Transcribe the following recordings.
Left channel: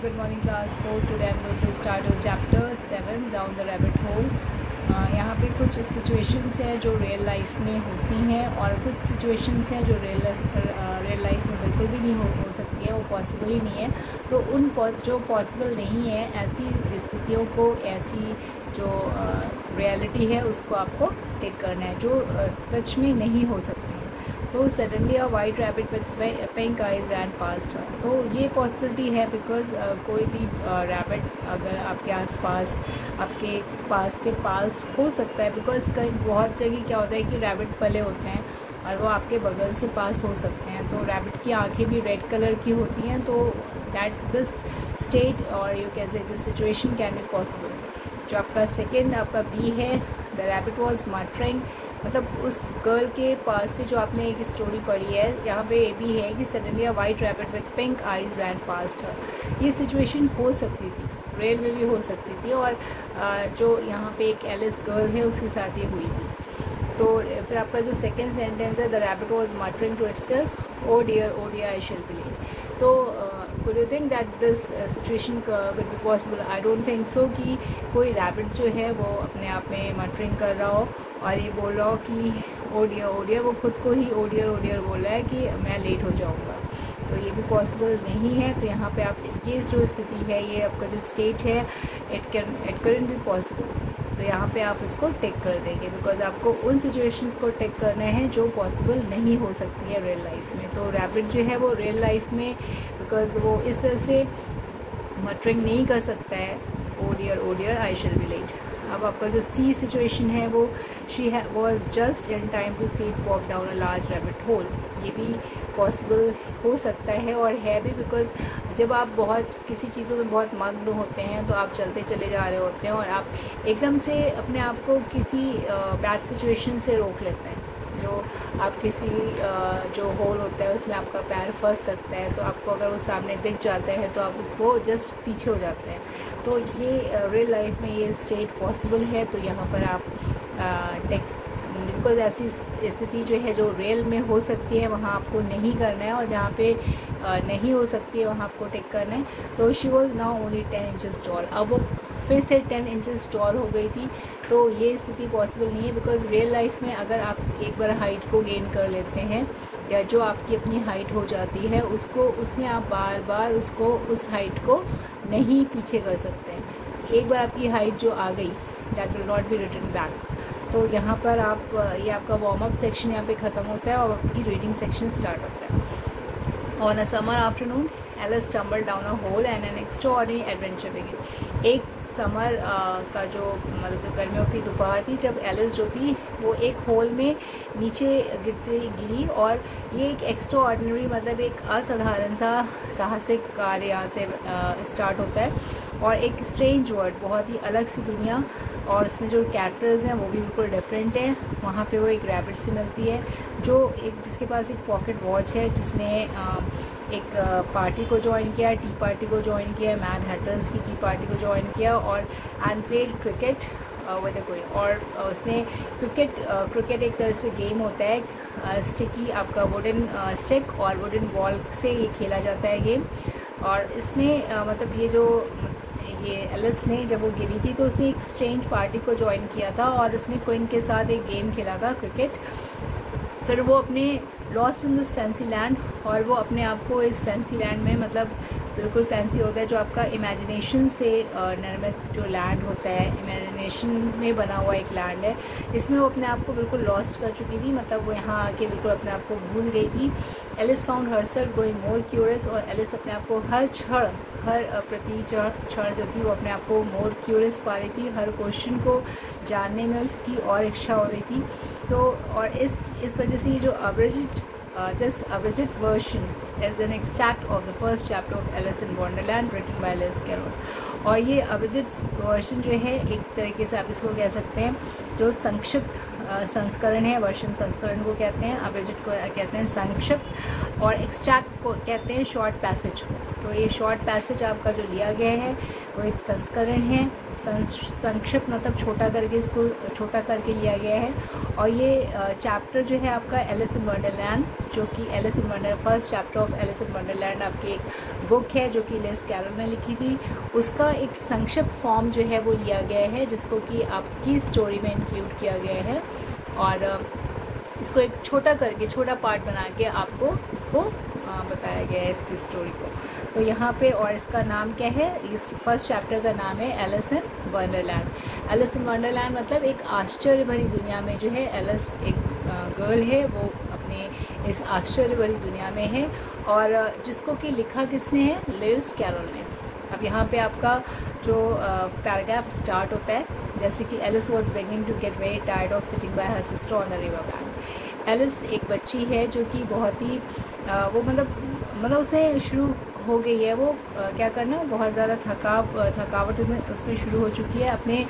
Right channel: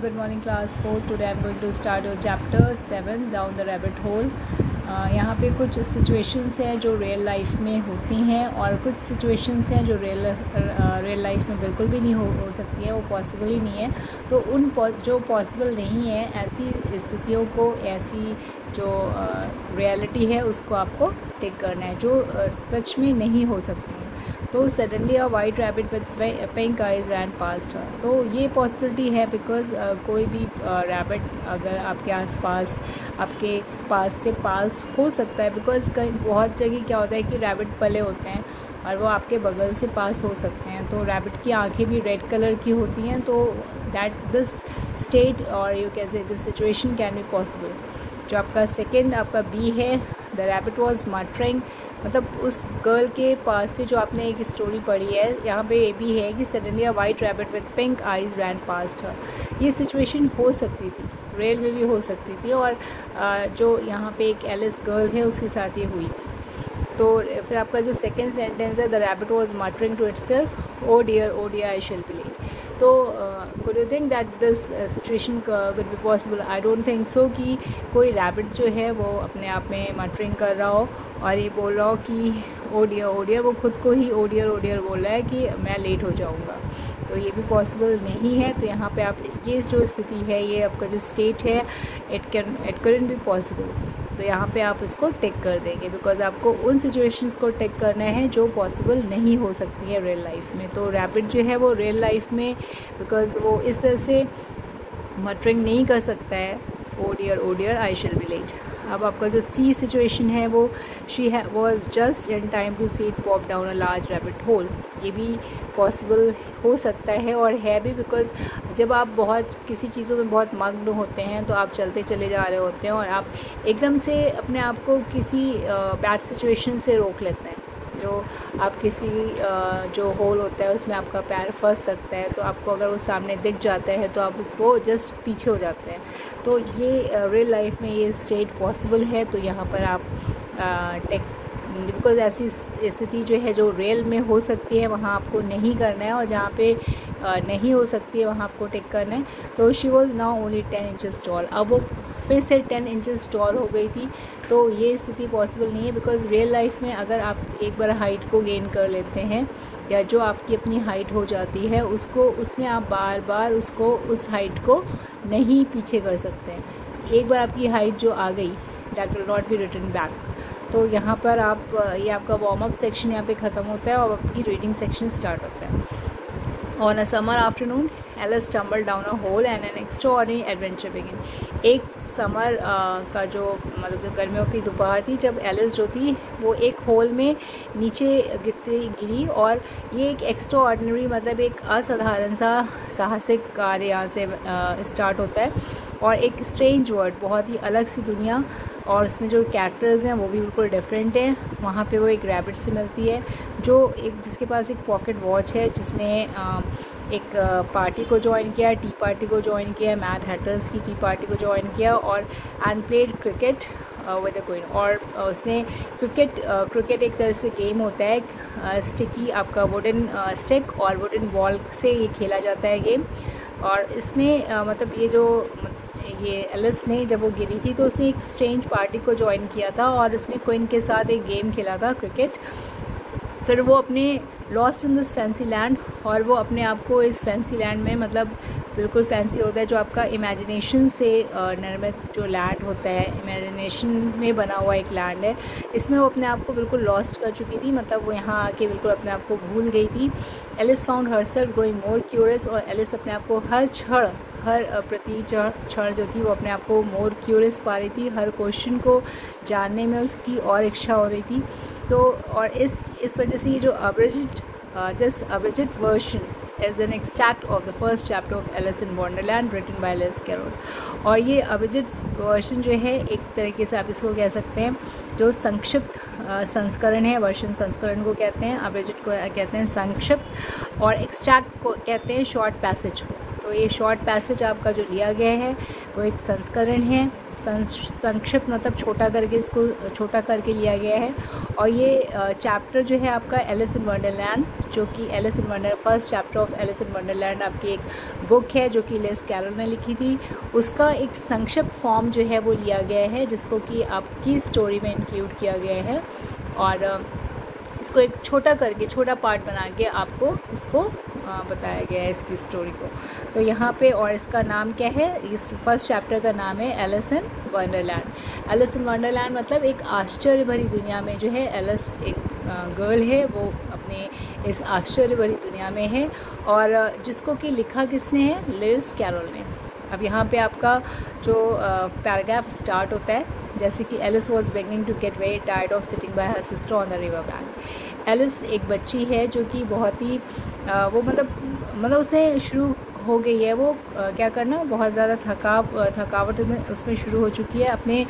Good morning class 4. Today I'm going to start with chapter 7 down the rabbit hole. यहाँ पे कुछ situations हैं जो रियल लाइफ में होती हैं और कुछ सिचुएशंस हैं जो रियल लाइफ में बिल्कुल भी नहीं हो सकती है, वो पॉसिबल ही नहीं है। तो उन जो पॉसिबल नहीं है ऐसी स्थितियों को, ऐसी जो रियलिटी है उसको आपको टेक करना है जो सच में नहीं हो सकती है। तो suddenly a white rabbit with pink eyes ran past है, तो ये पॉसिबिलिटी है बिकॉज कोई भी रैबिट अगर आपके आसपास आपके पास से पास हो सकता है, बिकॉज कई बहुत जगह क्या होता है कि रैबिट पले होते हैं और वो आपके बगल से पास हो सकते हैं। तो रैबिट की आंखें भी रेड कलर की होती हैं, तो दैट दिस स्टेट और you can say this situation can be possible. जो आपका सेकेंड आपका बी है, द रैबिट वॉज मटरिंग, मतलब उस गर्ल के पास से जो आपने एक स्टोरी पढ़ी है, यहाँ पे ये भी है कि suddenly a white rabbit with pink eyes ran past her. ये सिचुएशन हो सकती थी, रियल में भी हो सकती थी, और जो यहाँ पे एक एलिस गर्ल है उसके साथ ये हुई। तो फिर आपका जो सेकेंड सेंटेंस है, the rabbit was muttering to itself, oh dear I shall believe. तो could you think that this situation could be possible? I don't think so कि कोई रैबिट जो है वो अपने आप में मटरिंग कर रहा हो और ये बोल रहा हो कि ओ डियर, वो खुद को ही ओ डियर बोल रहा है कि मैं लेट हो जाऊँगा। तो ये भी पॉसिबल नहीं है। तो यहाँ पे आप ये जो स्थिति है, ये आपका जो स्टेट है, इट कैन बी पॉसिबल। तो यहाँ पे आप इसको टेक कर देंगे बिकॉज आपको उन सिचुएशंस को टेक करना है जो पॉसिबल नहीं हो सकती है रियल लाइफ में। तो रैबिट जो है वो रियल लाइफ में बिकॉज वो इस तरह से मटरिंग नहीं कर सकता है, oh dear I shall be late. अब आपका जो सी सिचुएशन है वो she was just in time to see it pop down a large rabbit hole. ये भी पॉसिबल हो सकता है और है भी, बिकॉज जब आप बहुत किसी चीज़ों में बहुत मग्न होते हैं तो आप चलते चले जा रहे होते हैं और आप एकदम से अपने आप को किसी बैड सिचुएशन से रोक लेते हैं। जो आप किसी जो होल होता है उसमें आपका पैर फंस सकता है, तो आपको अगर वो सामने दिख जाता है तो आप उसको जस्ट पीछे हो जाते हैं। तो ये रियल लाइफ में ये स्टेट पॉसिबल है। तो यहाँ पर आप बिकॉज ऐसी स्थिति जो है जो रियल में हो सकती है वहाँ आपको नहीं करना है, और जहाँ पे नहीं हो सकती है वहाँ आपको टेक करना है। तो she was now only 10 inches tall, अब वो फिर से 10 इंचेस टॉल हो गई थी। तो ये स्थिति पॉसिबल नहीं है बिकॉज रियल लाइफ में अगर आप एक बार हाइट को गेन कर लेते हैं या जो आपकी अपनी हाइट हो जाती है उसको, उसमें आप बार बार उसको उस हाइट को नहीं पीछे कर सकते हैं। एक बार आपकी हाइट जो आ गई that will not be return back. तो यहाँ पर आप ये आपका वार्म अप सेक्शन यहाँ पे ख़त्म होता है और आपकी रीडिंग सेक्शन स्टार्ट होता है। On a summer afternoon Alice stumbled down a hole and an extraordinary adventure begin. एक समर का जो मतलब गर्मियों की दोपहर थी जब एलिस जो थी वो एक होल में नीचे गिरी, और ये एक एक्स्ट्राऑर्डिनरी मतलब एक असाधारण सा साहसिक कार्य यहाँ से स्टार्ट होता है। और एक स्ट्रेंज वर्ल्ड, बहुत ही अलग सी दुनिया, और उसमें जो कैरेक्टर्स हैं वो भी बिल्कुल डिफरेंट हैं। वहाँ पे वो एक रैबिट से मिलती है जो जिसके पास एक पॉकेट वॉच है, जिसने एक पार्टी को ज्वाइन किया, टी पार्टी को ज्वाइन किया, मैड हैटर्स की टी पार्टी को ज्वाइन किया, और and played cricket with the queen. और उसने क्रिकेट एक तरह से गेम होता है, स्टिकी आपका वुडन स्टिक और वुडन बॉल से ये खेला जाता है गेम। और इसने मतलब ये एलिस ने जब वो गिरी थी तो उसने एक स्ट्रेंज पार्टी को ज्वाइन किया था और उसने क्वीन के साथ एक गेम खेला था क्रिकेट। फिर वो अपने lost in this fancy land, और वो अपने आप को इस फैंसी लैंड में, मतलब बिल्कुल फैंसी होता है जो आपका इमेजिनेशन से निर्मित जो लैंड होता है, इमेजिनेशन में बना हुआ एक लैंड है, इसमें वो अपने आप को बिल्कुल लॉस्ट कर चुकी थी। मतलब वो यहाँ आके बिल्कुल अपने आप को भूल गई थी। Alice found herself growing more curious, और एलिस अपने आप को हर प्रति क्षण जो थी वो अपने आप को मोर क्यूरियस पा रही थी, हर क्वेश्चन को जानने में उसकी और इच्छा हो रही थी। तो और इस वजह से ये जो this abridged version is an extract of the first chapter of Alice in Wonderland written by Lewis Carroll। और ये abridged version जो है एक तरीके से आप इसको कह सकते हैं जो संक्षिप्त संस्करण है, वर्षन संस्करण को कहते हैं, abridged को कहते हैं संक्षिप्त, और एक्सट्रैक्ट को कहते हैं शॉर्ट पैसेज को। तो ये शॉर्ट पैसेज आपका जो लिया गया है वो एक संस्करण है, संक्षिप्त मतलब छोटा करके, इसको छोटा करके लिया गया है। और ये चैप्टर जो है आपका एलिस इन वंडरलैंड, जो कि Alice in wonder first chapter of Alice in Wonderland आपकी एक बुक है जो कि लिस कैरल ने लिखी थी, उसका एक संक्षिप्त फॉर्म जो है वो लिया गया है, जिसको कि आपकी स्टोरी में इंक्लूड किया गया है और इसको एक छोटा करके, छोटा पार्ट बना के आपको इसको बताया गया है इसकी स्टोरी को। तो यहाँ पे, और इसका नाम क्या है, इस फर्स्ट चैप्टर का नाम है Alice in Wonderland. Alice in Wonderland मतलब एक आश्चर्य भरी दुनिया में जो है एलिस एक गर्ल है, वो अपने इस आश्चर्य भरी दुनिया में है, और जिसको कि लिखा किसने है, लिस कैरल ने। अब यहाँ पे आपका जो पैराग्राफ स्टार्ट होता है, जैसे कि Alice was beginning to get very tired of sitting by her sister on the river bank. Alice एक बच्ची है जो कि बहुत ही वो मतलब उसने शुरू हो गई है, वो क्या करना, बहुत ज़्यादा थकावट उसमें शुरू हो चुकी है। अपने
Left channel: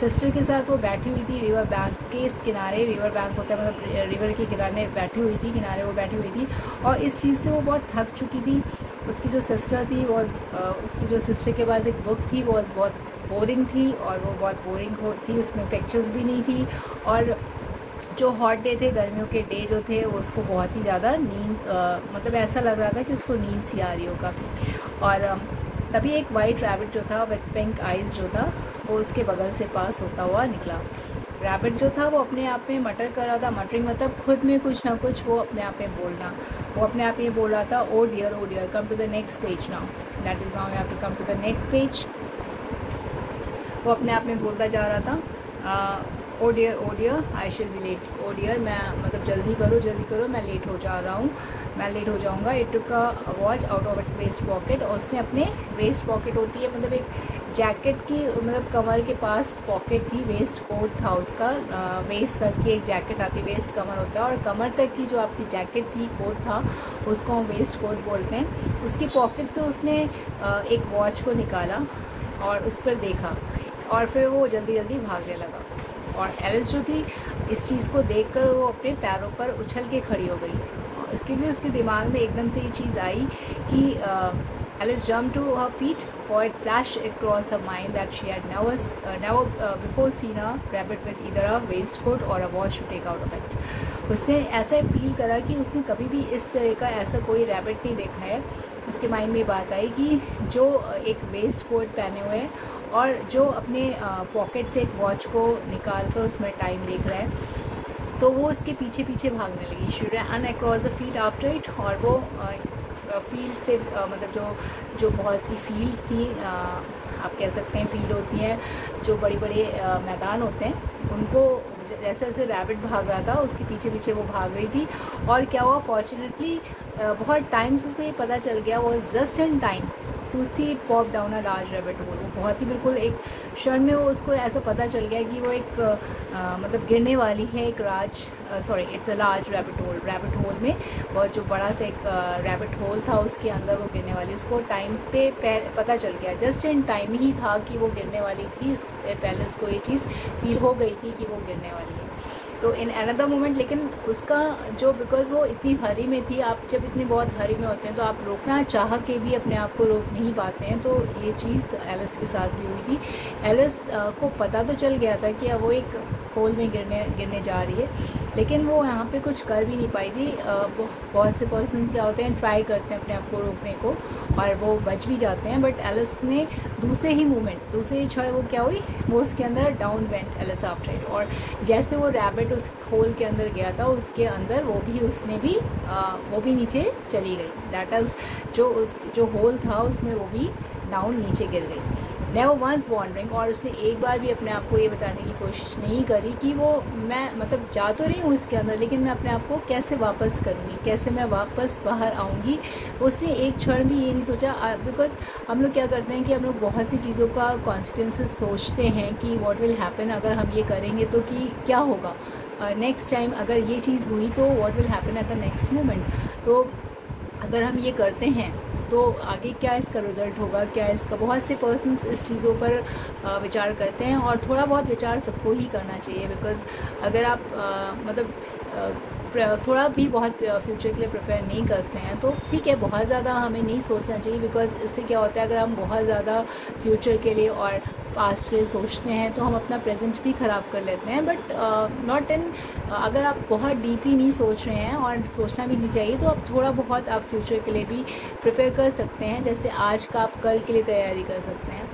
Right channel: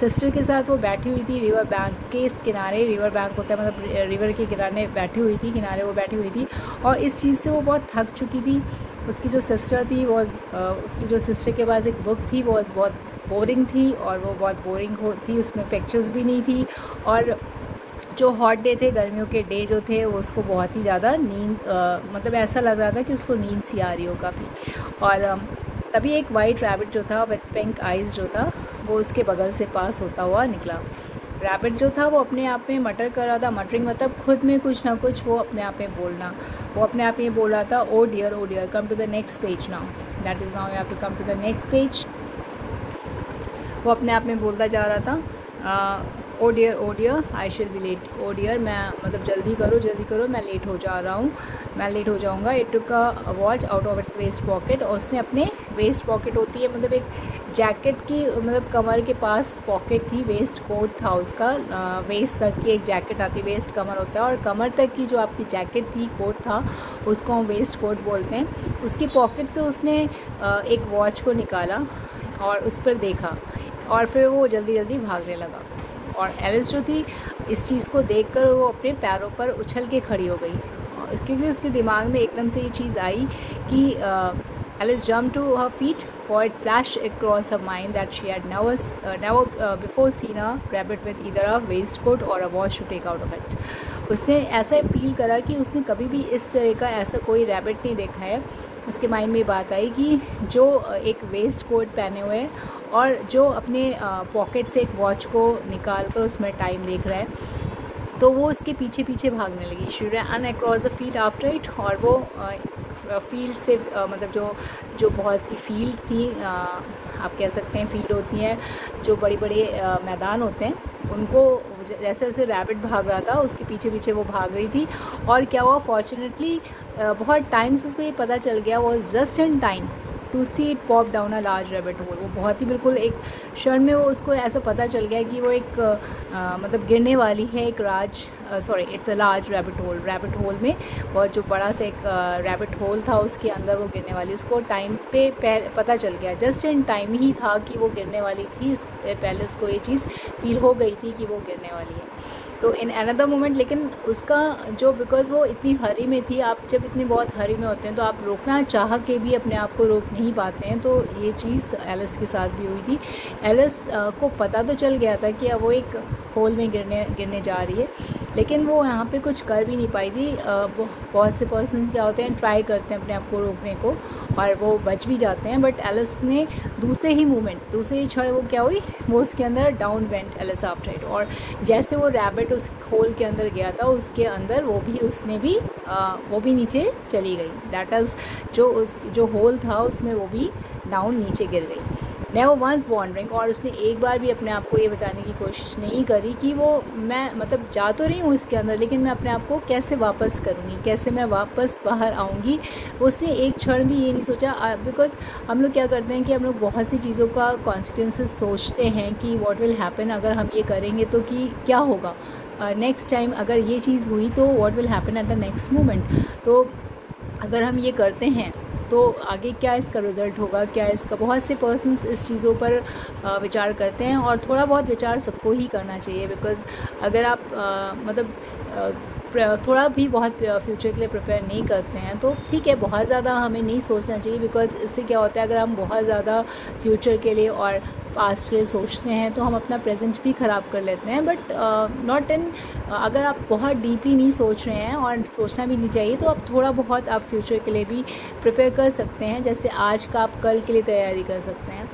सिस्टर के साथ वो बैठी हुई थी रिवर बैंक के इस किनारे, रिवर बैंक होता है मतलब रिवर के किनारे बैठी हुई थी, किनारे वो बैठी हुई थी, और इस चीज़ से वो बहुत थक चुकी थी। उसकी जो सिस्टर थी उसकी जो सिस्टर के पास एक बुक थी, वो बहुत बोरिंग थी, और वो बहुत बोरिंग थी, उसमें पिक्चर्स भी नहीं थी, और जो हॉट डे थे, गर्मियों के डे जो थे, वो उसको बहुत ही ज़्यादा नींद मतलब ऐसा लग रहा था कि उसको नींद सी आ रही हो काफ़ी। और तभी एक वाइट रैबिट जो था विथ पिंक आइज़ जो था, वो उसके बगल से पास होता हुआ निकला। रैबिट जो था वो अपने आप में मटर कर रहा था, मटरिंग मतलब खुद में कुछ ना कुछ वो अपने आप में बोलना, वो अपने आप में बोल रहा था, oh dear come to the next page now, that is now you have to come to the next page. वो अपने आप में बोलता जा रहा था, ओ डियर आई शिल बी लेट, ओ डियर मैं मतलब जल्दी करो मैं लेट हो जा रहा हूँ, मैं लेट हो जाऊँगा। It took a watch out of its waist pocket, और उसने अपने वेस्ट पॉकेट होती है मतलब एक जैकेट की मतलब कमर के पास पॉकेट थी, वेस्ट कोट था उसका, वेस्ट तक की एक जैकेट आती है, वेस्ट कमर होता है, और कमर तक की जो आपकी जैकेट थी, कोट था, उसको हम वेस्ट कोट बोलते हैं। उसकी पॉकेट से उसने एक वॉच को निकाला और उस पर देखा, और फिर वो जल्दी भागने लगा। और एलिस जो थी इस चीज़ को देखकर वो अपने पैरों पर उछल के खड़ी हो गई, क्योंकि उसके दिमाग में एकदम से ये चीज़ आई कि Alice jump to her feet, for it flash across her mind that she had never before seen a rabbit with either a waistcoat or a watch to take out of it. उसने ऐसा feel करा कि उसने कभी भी इस तरह का ऐसा कोई रैबिट नहीं देखा है। उसके माइंड में बात आई कि जो एक वेस्ट कोट पहने हुए है और जो अपने पॉकेट से एक वॉच को निकाल कर उसमें टाइम देख रहा है, तो वो उसके पीछे भागने लगी। She run across the field after it, और वो फील्ड से मतलब जो बहुत सी फील्ड थी, आप कह सकते हैं फील्ड होती हैं जो बड़े मैदान होते हैं, उनको जैसे जैसे रैबिट भाग रहा था उसके पीछे वो भाग रही थी। और क्या हुआ, फॉर्चुनेटली बहुत टाइम से उसको ये पता चल गया, वो just in time to see it pop down a large rabbit hole. वो बहुत ही बिल्कुल एक क्षण में वो उसको ऐसा पता चल गया कि वो एक मतलब गिरने वाली है एक it's a large rabbit whole में बहुत जो बड़ा सा एक रैबिट होल था, उसके अंदर वो गिरने वाली, उसको टाइम पे पता चल गया, जस्ट इन टाइम ही था कि वो गिरने वाली थी। पहले उसको ये चीज़ फील हो गई थी कि वो गिरने वाली है। तो इन अनदर मोमेंट, लेकिन उसका जो बिकॉज वो इतनी हरी में थी, आप जब इतनी बहुत हरी में होते हैं तो आप रोकना चाह के भी अपने आप को रोक नहीं पाते हैं। तो ये चीज़ एलिस के साथ भी हुई थी। एलिस को पता तो चल गया था कि अब वो एक होल में गिरने जा रही है, लेकिन वो यहाँ पे कुछ कर भी नहीं पाई थी। बहुत से पर्सन क्या होते हैं, ट्राई करते हैं अपने आप को रोकने को और वो बच भी जाते हैं, बट एलिस ने दूसरे ही क्षण वो क्या हुई, वो उसके अंदर down went Alice after it. और जैसे वो रैबिट उस होल के अंदर गया था, उसके अंदर वो भी नीचे चली गई। दैट इज़ जो होल था उसमें वो भी डाउन नीचे गिर गई। नेवर वंस वॉन्डरिंग, और उसने एक बार भी अपने आप को ये बताने की कोशिश नहीं करी कि वो मैं मतलब जा तो रही हूँ इसके अंदर, लेकिन मैं अपने आप को कैसे वापस करूँगी, कैसे मैं वापस बाहर आऊँगी। उसने एक क्षण भी ये नहीं सोचा, बिकॉज हम लोग क्या करते हैं कि हम लोग बहुत सी चीज़ों का कॉन्सिक्वेंसेस सोचते हैं कि व्हाट विल हैपन, अगर हम ये करेंगे तो कि क्या होगा नेक्स्ट टाइम, अगर ये चीज़ हुई तो what will happen at the next moment. तो अगर हम ये करते हैं तो आगे क्या इसका रिज़ल्ट होगा, क्या इसका, बहुत से पर्सन्स इस चीज़ों पर विचार करते हैं, और थोड़ा बहुत विचार सबको ही करना चाहिए। बिकॉज़ अगर आप थोड़ा भी बहुत फ्यूचर के लिए प्रिपेयर नहीं करते हैं तो ठीक है, बहुत ज़्यादा हमें नहीं सोचना चाहिए। बिकॉज़ इससे क्या होता है, अगर हम बहुत ज़्यादा फ्यूचर के लिए और पास्ट के लिए सोचते हैं तो हम अपना प्रेजेंट भी ख़राब कर लेते हैं, बट नॉट इन, अगर आप बहुत डीपली नहीं सोच रहे हैं और सोचना भी नहीं चाहिए तो आप थोड़ा बहुत आप फ्यूचर के लिए भी प्रिपेयर कर सकते हैं। जैसे आज का आप कल के लिए तैयारी कर सकते हैं,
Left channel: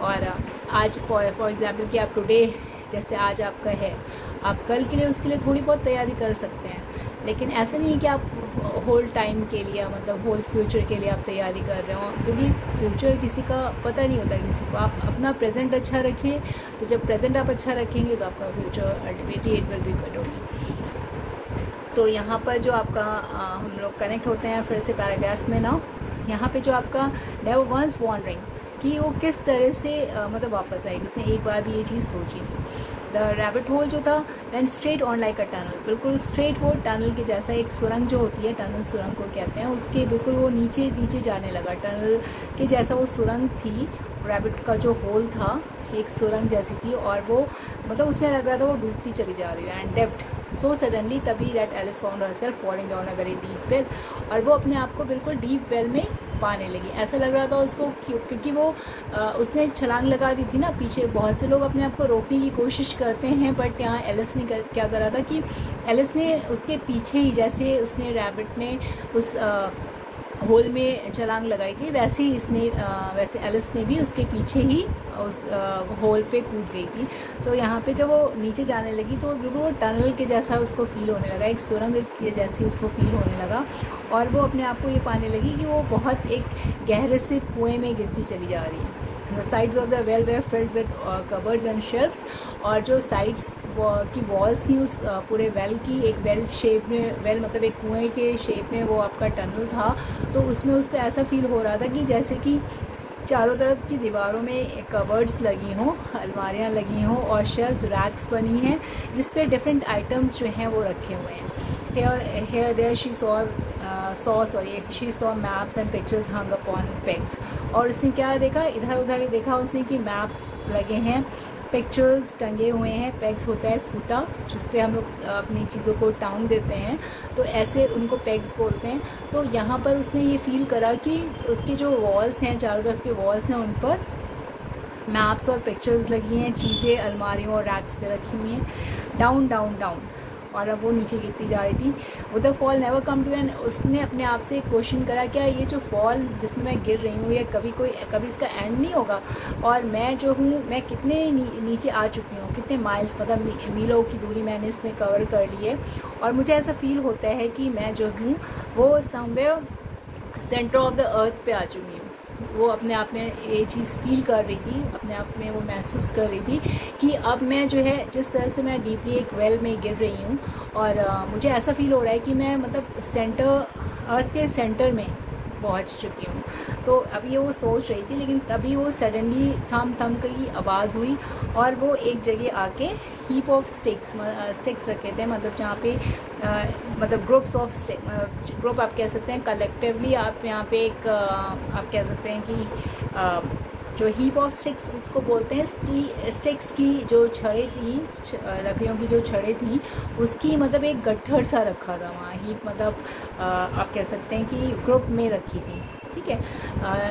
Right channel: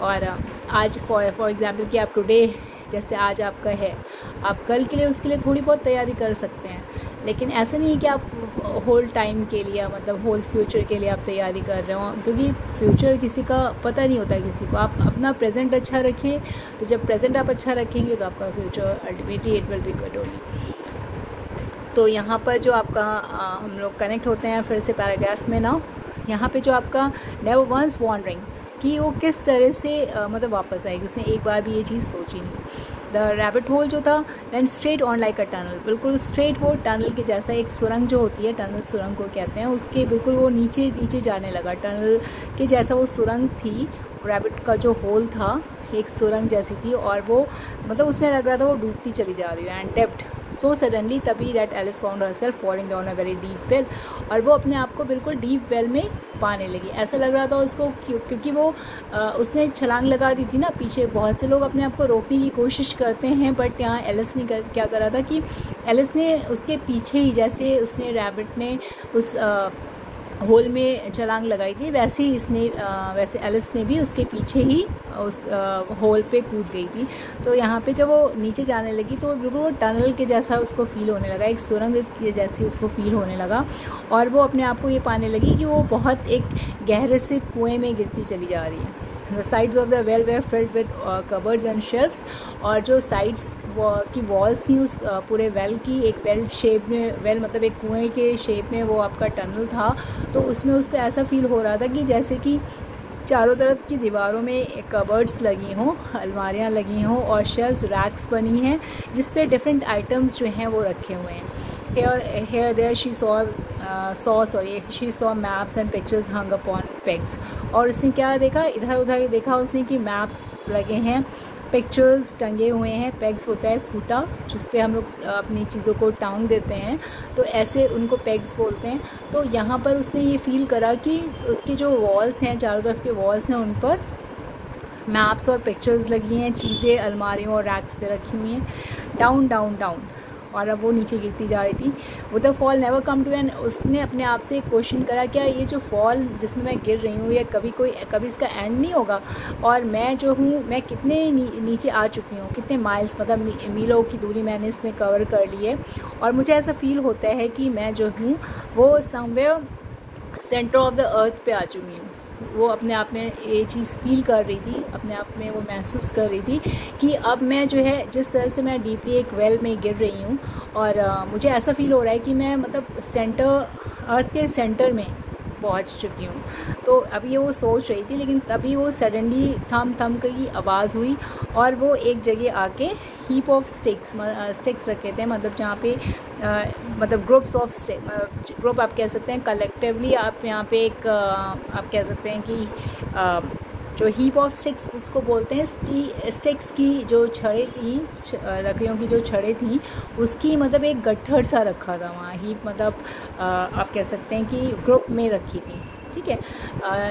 और आज फॉर एग्ज़ाम्पल कि आप टुडे जैसे आज आपका है, आप कल के लिए उसके लिए थोड़ी बहुत तैयारी कर सकते हैं। लेकिन ऐसा नहीं है कि आप होल टाइम के लिए, मतलब होल फ्यूचर के लिए आप तैयारी कर रहे हो, क्योंकि फ्यूचर किसी का पता नहीं होता किसी को। आप अपना प्रेजेंट अच्छा रखें, तो जब प्रेजेंट आप अच्छा रखेंगे तो आपका future ultimately it will be good होगी। तो यहाँ पर जो आपका हम लोग कनेक्ट होते हैं फिर से पैराग्राफ में ना, यहाँ पे जो आपका नेवर वंस वॉन्डरिंग कि वो किस तरह से मतलब वापस आएगी, उसने एक बार भी ये चीज़ सोची नहीं। द रैबिट होल जो था and straight on like a tunnel, बिल्कुल स्ट्रेट वो टनल के जैसा, एक सुरंग जो होती है, टनल सुरंग को कहते हैं, उसके बिल्कुल वो नीचे नीचे जाने लगा, टनल के जैसा वो सुरंग थी। रैबिट का जो होल था एक सुरंग जैसी थी, और वो मतलब उसमें लग रहा था वो डूबती चली जा रही है। एंड डेप्थ सो सडनली तभी that Alice found herself falling down a very deep well, और वो अपने आप को बिल्कुल डीप वेल में पाने लगी। ऐसा लग रहा था उसको क्योंकि वो उसने छलांग लगा दी थी ना पीछे। बहुत से लोग अपने आप को रोकने की कोशिश करते हैं, बट यहाँ एलिस ने क्या करा था कि एलिस ने उसके पीछे ही, जैसे उसने रैबिट ने उस होल में छलांग लगाई थी, वैसे ही वैसे एलिस ने भी उसके पीछे ही उस होल पे कूद गई थी। तो यहाँ पे जब वो नीचे जाने लगी तो बिल्कुल वो टनल के जैसा उसको फील होने लगा, एक सुरंग के जैसी उसको फील होने लगा, और वो अपने आप को ये पाने लगी कि वो बहुत एक गहरे से कुएं में गिरती चली जा रही है। The sides of the well were filled with cupboards and shelves, और जो साइड्स की वॉल्स थी उस पूरे वेल की, एक वेल शेप में, वेल मतलब एक कुएं के शेप में वो आपका टनल था। तो उसमें उसको ऐसा फील हो रहा था कि जैसे कि चारों तरफ की दीवारों में कबर्ड्स लगी हों, अलमारियाँ लगी हों, और शेल्फ्स, रैक्स बनी हैं जिस पे डिफरेंट आइटम्स जो हैं वो रखे हुए हैं। Here there she saw maps and pictures hung upon pegs। और उसने क्या देखा, इधर उधर देखा उसने कि मैप्स लगे हैं, पिक्चर्स टंगे हुए हैं। पेग्स होता है खूटा जिस पे हम लोग अपनी चीज़ों को टांग देते हैं, तो ऐसे उनको पेग्स बोलते हैं। तो यहाँ पर उसने ये फील करा कि उसकी जो वॉल्स हैं, चारों तरफ के वॉल्स हैं, उन पर मैप्स और पिक्चर्स लगी हैं, चीज़ें अलमारियों और रैक्स पे रखी हुई हैं। डाउन डाउन डाउन, और अब वो नीचे गिरती जा रही थी। वो the fall never come to end, उसने अपने आप से एक क्वेश्चन करा, क्या ये जो फॉल जिसमें मैं गिर रही हूँ, ये कभी इसका एंड नहीं होगा? और मैं जो हूँ, मैं कितने नीचे आ चुकी हूँ, कितने माइल्स मतलब मीलों की दूरी मैंने इसमें कवर कर ली है, और मुझे ऐसा फील होता है कि मैं जो हूँ वो somewhere centre of the earth पे आ चुकी हूँ। वो अपने आप में ये चीज़ फील कर रही थी, अपने आप में वो महसूस कर रही थी कि अब मैं जो है, जिस तरह से मैं डीपली एक वेल में गिर रही हूँ, और मुझे ऐसा फील हो रहा है कि मैं मतलब अर्थ के सेंटर में पहुँच चुकी हूँ। तो अभी वो सोच रही थी, लेकिन तभी वो सडनली थम की आवाज़ हुई, और वो एक जगह आके हीप ऑफ स्टिक्स रखे थे, मतलब जहाँ पे मतलब ग्रुप आप कह सकते हैं, कलेक्टिवली आप यहाँ पे एक आप कह सकते हैं कि जो हीप ऑफ स्टिक्स उसको बोलते हैं। स्टिक्स की जो छड़ें थी, लकड़ियों की जो छड़ें थी, उसकी मतलब एक गट्ठर सा रखा था वहाँ। हीप मतलब आप कह सकते हैं कि ग्रुप में रखी थी, ठीक है,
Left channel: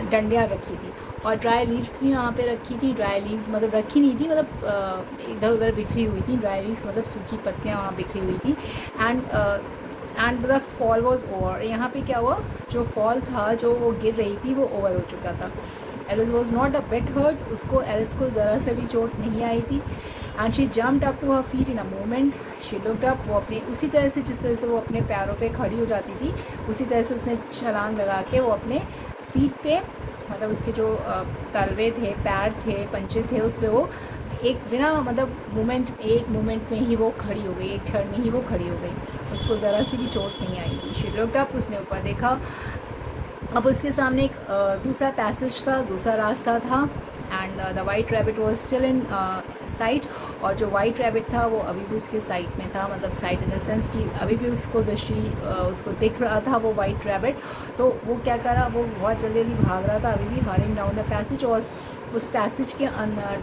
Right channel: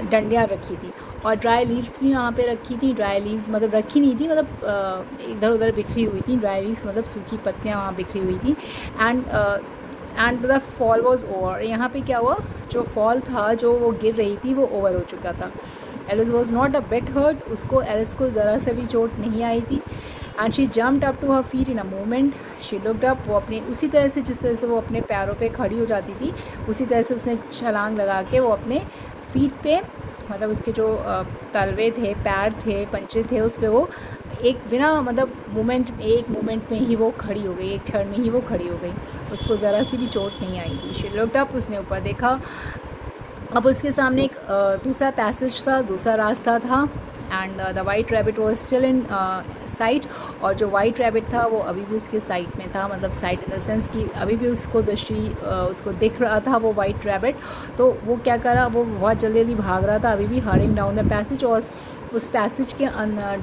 डंडियाँ रखी थी, और ड्राई लीव्स भी वहाँ पे रखी थी। ड्राई लीव्स मतलब रखी नहीं थी, मतलब इधर उधर बिखरी हुई थी। ड्राई लीव्स मतलब सूखी पत्तियाँ वहाँ बिखरी हुई थी। And the fall was over, यहाँ पे क्या हुआ, जो फॉल था, जो वो गिर रही थी, वो ओवर हो चुका था। Alice was not a bit hurt, उसको एलिस को ज़रा से भी चोट नहीं आई थी। And she jumped up to her feet in a moment. She looked up, वो अपने उसी तरह से जिस तरह से वो अपने पैरों पे खड़ी हो जाती थी, उसी तरह से उसने छलांग लगा के वो अपने फीट पे, मतलब उसके जो तलवे थे, पैर थे, पंचे थे, उस पर वो एक बिना मतलब एक मोमेंट में ही वो खड़ी हो गई, एक क्षण में ही वो खड़ी हो गई। उसको ज़रा सी भी चोट नहीं आई थी। शी लुक्ड अप, उसने ऊपर देखा। अब उसके सामने एक दूसरा पैसेज था, दूसरा रास्ता था। And the white rabbit was still in site, और जो वाइट रैबिट था वो अभी भी उसके साइट में था, मतलब साइट इन द सेंस कि अभी भी उसको उसको दिख रहा था वो वाइट रैबिट। तो वो क्या कर रहा, वो बहुत जल्दी भाग रहा था, अभी भी हरिंग डाउन द पैसेज। और उस पैसेज के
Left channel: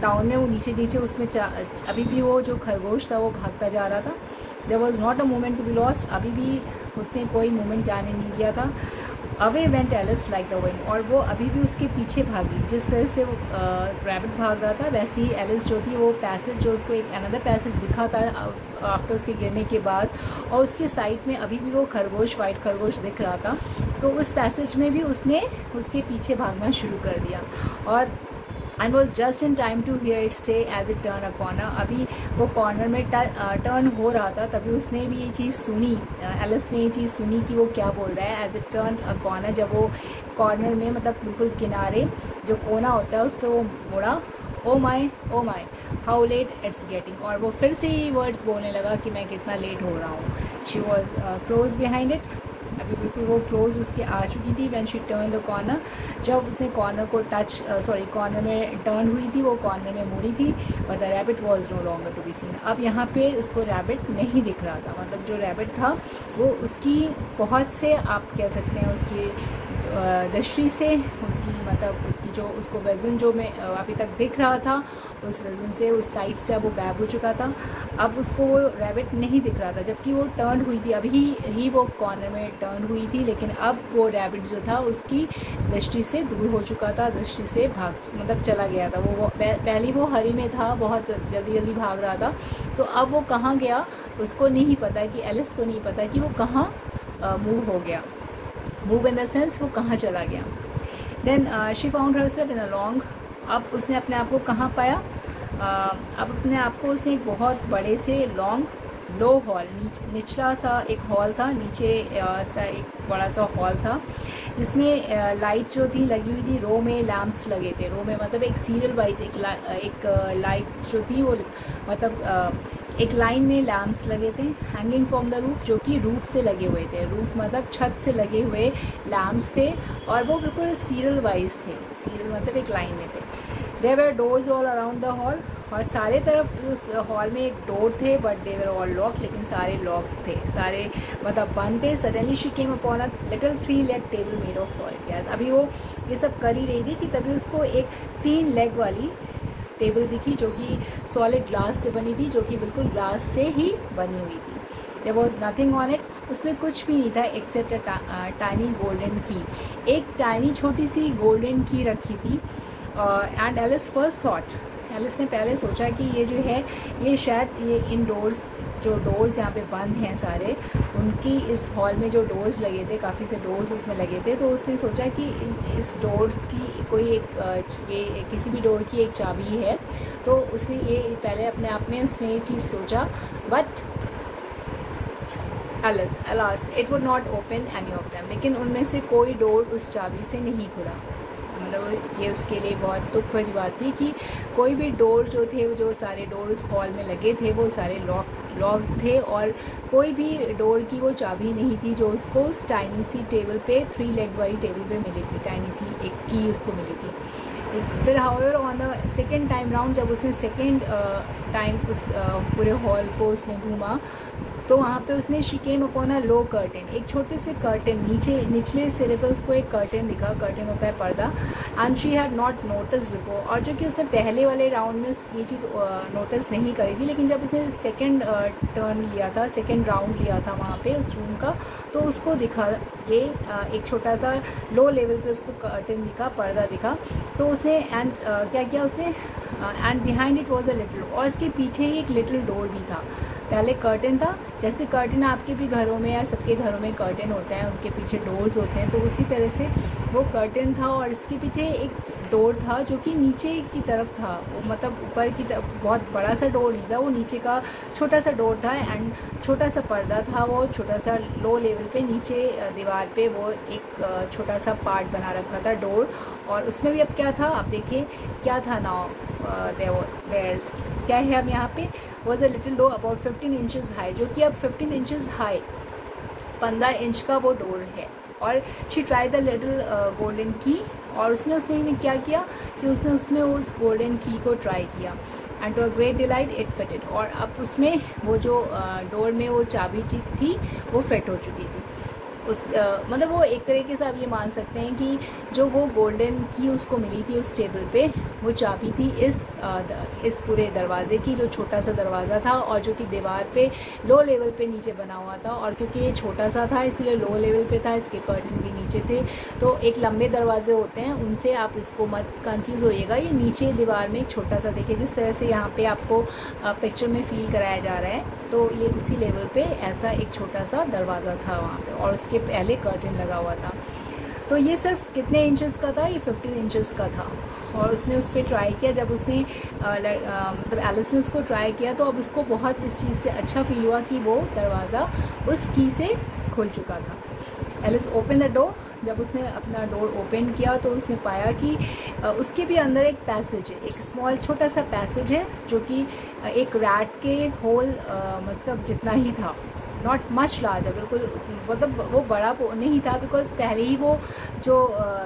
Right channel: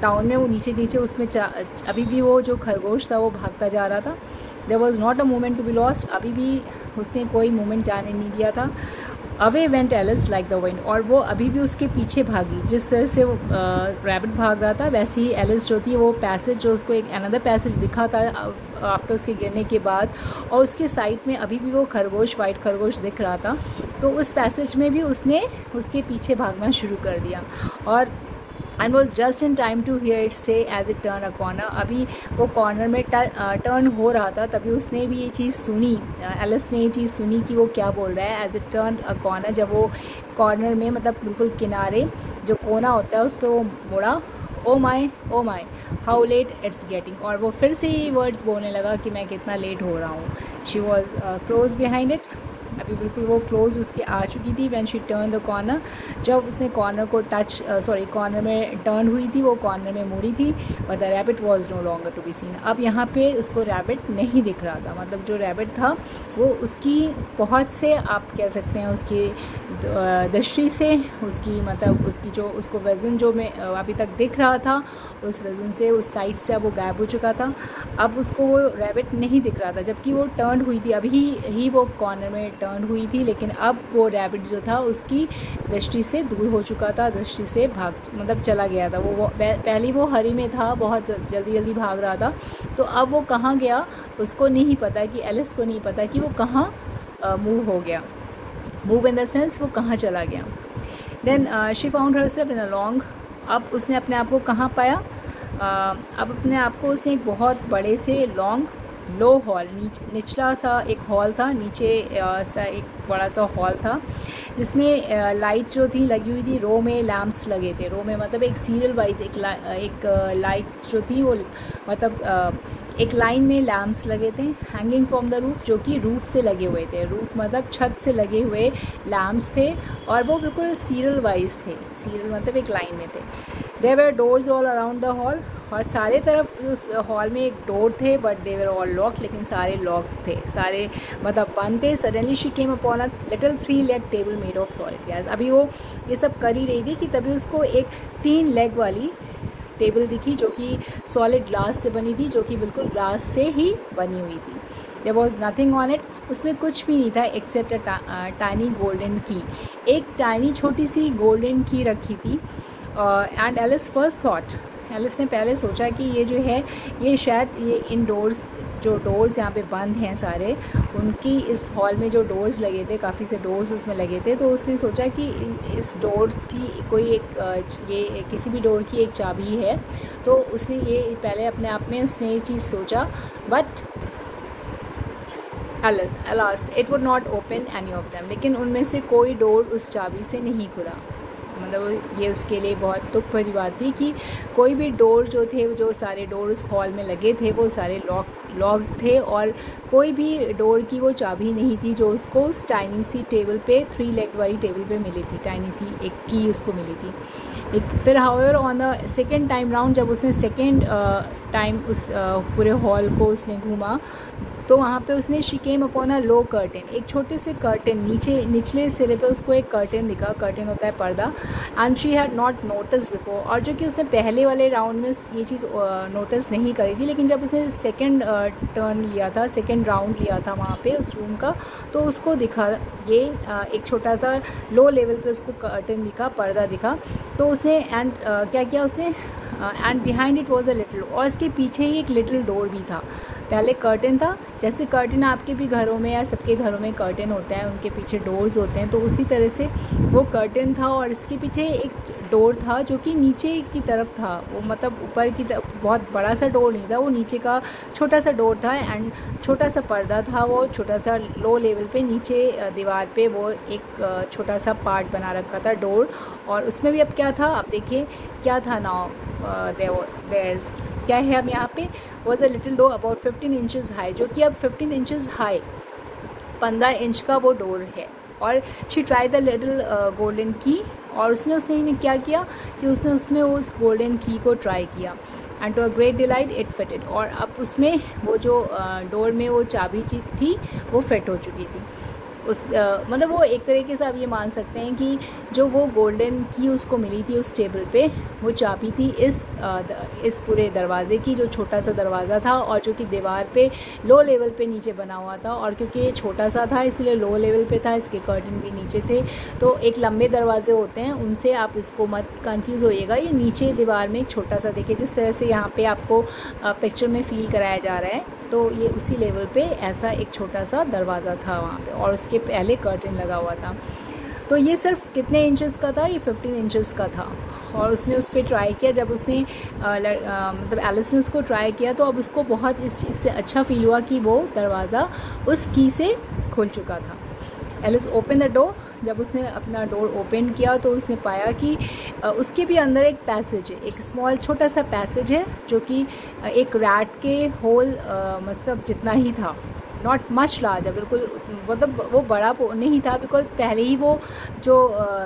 डाउन में वो नीचे उसमें अभी भी वो जो खरगोश था वो भागता जा रहा था। There was not a moment to be lost, अभी भी उसने कोई मोमेंट जाने नहीं दिया था। Away went Alice like the wind, और वो अभी भी उसके पीछे भागी। जिस तरह से वो रैबिट भाग रहा था वैसे ही एलिस जो थी वो पैसेज जो उसको एक अनदर पैसेज दिखा था आफ्टर उसके गिरने के बाद, और उसके साइड में अभी भी वो खरगोश, वाइट खरगोश दिख रहा था। तो उस पैसेज में भी उसने उसके पीछे भागना शुरू कर दिया, और and was just in time to hear it say as it turn a corner. अभी वो कॉर्नर में टर्न हो रहा था, तभी उसने भी ये चीज़ सुनी, एलिस ने ये चीज़ सुनी कि वो क्या बोल रहा है। As it turn a corner, जब वो कॉर्नर में मतलब बिल्कुल किनारे जो कोना होता है उस पर वो मुड़ा, ओ माई हाउ लेट इट्स गेटिंग, और वो फिर से ही वर्ड्स बोलने लगा कि मैं कितना लेट हो रहा हूँ। She was close behind it, अभी बिल्कुल वो क्लोज उसके आ चुकी थी। When she turn the corner, जब उसने कॉर्नर को कॉर्नर में टर्न हुई थी, वो कॉर्नर में मुड़ी थी, और the rabbit was no longer to be seen. अब यहाँ पे उसको रैबिट नहीं दिख रहा था, मतलब जो रैबिट था वो उसकी बहुत से, आप कह सकते हैं उसकी दृष्टि से, उसकी मतलब उसकी जो उसको वज़न जो में अभी तक दिख रहा था, उस वज़न से उस साइड से अब वो गायब हो चुका था। अब उसको वो रैबिट नहीं दिख रहा था, जबकि वो टर्न हुई थी, अभी ही वो कॉर्नर में टर्न हुई थी, लेकिन अब वो रैबिट जो था उसकी दृष्टि से दूर हो चुका था, दृष्टि से मतलब चला गया था। वो पहले वो हरी में था, बहुत जल्दी भाग रहा था, तो अब वो कहाँ गया उसको नहीं पता, कि एलिस को नहीं पता कि वो कहाँ मूव हो गया, मूव इन द सेंस वो कहाँ चला गया। Then she found herself in a long, अब उसने अपने आप को कहाँ पाया, अब अपने आप को उसने एक बहुत बड़े से लॉन्ग लो हॉल, निचला सा एक हॉल था, नीचे सा एक बड़ा सा हॉल था, जिसमें लाइट जो थी लगी हुई थी, रो में लैम्प्स लगे थे, रो में मतलब एक सीरियल वाइज एक लाइट जो थी वो मतलब एक लाइन में लैम्प्स लगे थे, हैंगिंग फ्रॉम द रूफ, जो कि रूफ से लगे हुए थे, रूफ मतलब छत से लगे हुए लैम्प्स थे, और वो बिल्कुल सीरियल वाइज थे, सीरियल मतलब एक लाइन में थे। There were doors all around the hall, और सारे तरफ उस हॉल में एक डोर थे, but they were all lock, लेकिन सारे लॉक थे, सारे मतलब बंद थे। Suddenly she came upon a little 3-legged table made of solid glass, अभी वो ये सब कर ही रही थी कि तभी उसको एक 3 लेग वाली टेबल दिखी, जो कि सॉलिड ग्लास से बनी थी, जो कि बिल्कुल ग्लास से ही बनी हुई थी। There was nothing on it, उसमें कुछ भी नहीं था एक्सेप्ट अ टाइनी गोल्डन की, एक टाइनी छोटी सी गोल्डन की रखी थी। एंड एलिस फर्स्ट थॉट, एलिस ने पहले सोचा कि ये जो है ये शायद ये इन डोर्स, जो डोर्स यहाँ पे बंद हैं सारे, उनकी इस हॉल में जो डोर्स लगे थे, काफ़ी से डोर्स उसमें लगे थे, तो उसने सोचा कि इस डोर्स की कोई एक ये किसी भी डोर की एक चाबी है, तो उसे ये पहले अपने आप में उसने ये चीज़ सोचा। But alas it would not open any of them, लेकिन उनमें से कोई डोर उस चाबी से नहीं खुला। मतलब ये उसके लिए बहुत दुख भरी बात थी कि कोई भी डोर जो थे, जो सारे डोर उस हॉल में लगे थे वो सारे लॉक थे, और कोई भी डोर की वो चाबी नहीं थी जो उसको उस टाइनी सी टेबल पे, 3 लेग वाली टेबल पे मिली थी, टाइनी सी एक की उसको मिली थी। फिर however on the second time round, जब उसने सेकेंड टाइम उस पूरे हॉल को उसने घूमा, तो वहाँ पे उसने she came upon a low curtain, एक छोटे से कर्टेन, निचले सिरे पे उसको एक कर्टेन दिखा, कर्टेन होता है पर्दा, and she had not notice before, और जो कि उसने पहले वाले राउंड में ये चीज़ नोटिस नहीं करी थी, लेकिन जब उसने सेकंड टर्न लिया था, सेकंड राउंड लिया था वहाँ पे उस रूम का, तो उसको दिखा ये एक छोटा सा लो लेवल पे उसको कर्टेन दिखा, पर्दा दिखा, तो उसने एंड क्या किया उसने, and behind it was a little, और इसके पीछे ही एक लिटिल डोर भी था। पहले कर्टेन था, जैसे कर्टेन आपके भी घरों में या सबके घरों में कर्टेन होता है, उनके पीछे डोर्स होते हैं, तो उसी तरह से वो कर्टेन था, और इसके पीछे एक डोर था जो कि नीचे की तरफ था, वो मतलब ऊपर की तरफ बहुत बड़ा सा डोर नहीं था, वो नीचे का छोटा सा डोर था, एंड छोटा सा पर्दा था, वो छोटा सा लो लेवल पे नीचे दीवार पे वो एक छोटा सा पार्ट बना रखा था डोर, और उसमें भी अब क्या था, आप देखिए क्या था नाउ, क्या है अब यहाँ पे, was a little door about 15 inches high, जो कि अब 15 इंचज़ हाई, 15 इंच का वो डोर है। और she try the little golden की, और उसने क्या किया कि उसने उसमें उस गोल्डन की को ट्राई किया, and to a great delight it fitted, और अब उसमें वो जो डोर में वो चाबी की थी वो फिट हो चुकी थी। उस मतलब वो एक तरीके से आप ये मान सकते हैं कि जो वो गोल्डन की उसको मिली थी उस टेबल पे, वो चाबी थी इस पूरे दरवाज़े की, जो छोटा सा दरवाज़ा था और जो कि दीवार पे लो लेवल पे नीचे बना हुआ था। और क्योंकि ये छोटा सा था इसलिए लो लेवल पे था, इसके कर्टन भी नीचे थे। तो एक लंबे दरवाजे होते हैं, उनसे आप इसको मत कंफ्यूज होइएगा। ये नीचे दीवार में एक छोटा सा, देखिए जिस तरह से यहाँ पे आपको पिक्चर में फील कराया जा रहा है, तो ये उसी लेवल पे ऐसा एक छोटा सा दरवाज़ा था वहाँ पे, और उसके पहले कर्टन लगा हुआ था। तो ये सिर्फ कितने इंचेस का था? ये 15 इंचेस का था। और उसने उस पर ट्राई किया, जब उसने मतलब एलिस ने उसको ट्राई किया, तो अब उसको बहुत इस चीज़ से अच्छा फील हुआ कि वो दरवाज़ा उस की से खुल चुका था। Alice open the door. जब उसने अपना डोर ओपन किया तो उसने पाया कि उसके भी अंदर एक पैसेज है, एक स्मॉल छोटा सा पैसेज है, जो कि एक रैट के होल मतलब जितना ही था, नॉट मच लार्ज है, बिल्कुल मतलब वो बड़ा नहीं था, बिकॉज पहले ही वो जो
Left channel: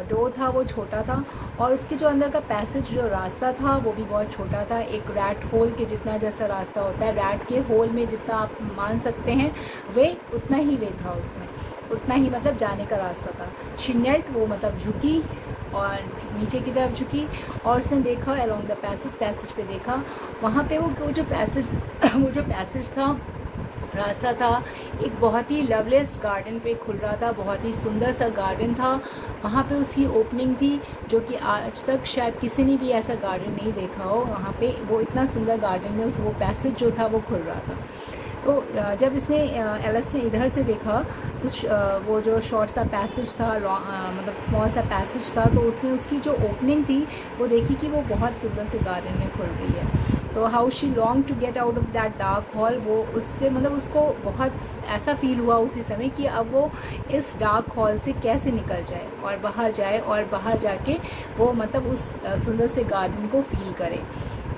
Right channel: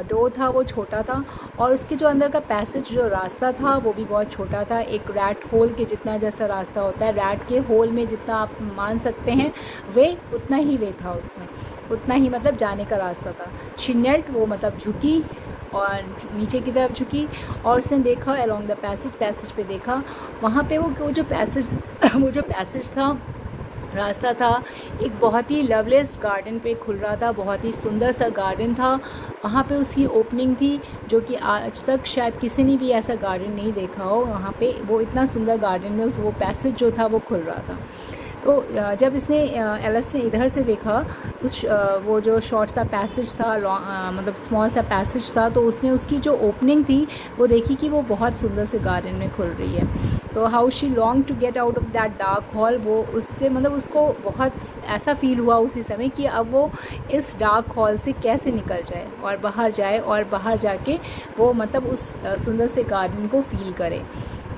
डोर था वो छोटा था, और उसके जो अंदर का पैसेज जो रास्ता था वो भी बहुत छोटा था, एक रैट होल के जितना जैसा रास्ता होता है, रैट के होल में जितना आप मान सकते हैं वे उतना ही वे था, उसमें उतना ही मतलब जाने का रास्ता था। शी नेल्ट, वो मतलब झुकी और नीचे की तरफ झुकी, और उसने देखा अलोंग द पैसेज पे देखा, वहाँ पे वो जो पैसेज था, रास्ता था, एक बहुत ही लवलेस गार्डन पे खुल रहा था, बहुत ही सुंदर सा गार्डन था। वहाँ पे उसकी ओपनिंग थी, जो कि आज तक शायद किसी ने भी ऐसा गार्डन नहीं देखा हो। वहाँ पे वो इतना सुंदर गार्डन में वो पैसेज जो था वो खुल रहा था। तो जब इसने एलिस ने इधर से देखा उस वो जो शॉर्ट सा पैसेज था, मतलब स्मॉल सा पैसेज था, तो उसने उसकी जो ओपनिंग थी वो देखी कि वो बहुत सुंदर से गार्डन में खुल रही है। तो how she long to get out of that dark hall, वो उससे मतलब उसको बहुत ऐसा फील हुआ उसी समय कि अब वो इस डार्क हॉल से कैसे निकल जाए और बाहर जाए, और बाहर जाके वो मतलब उस सुंदर से गार्डन को फील करे।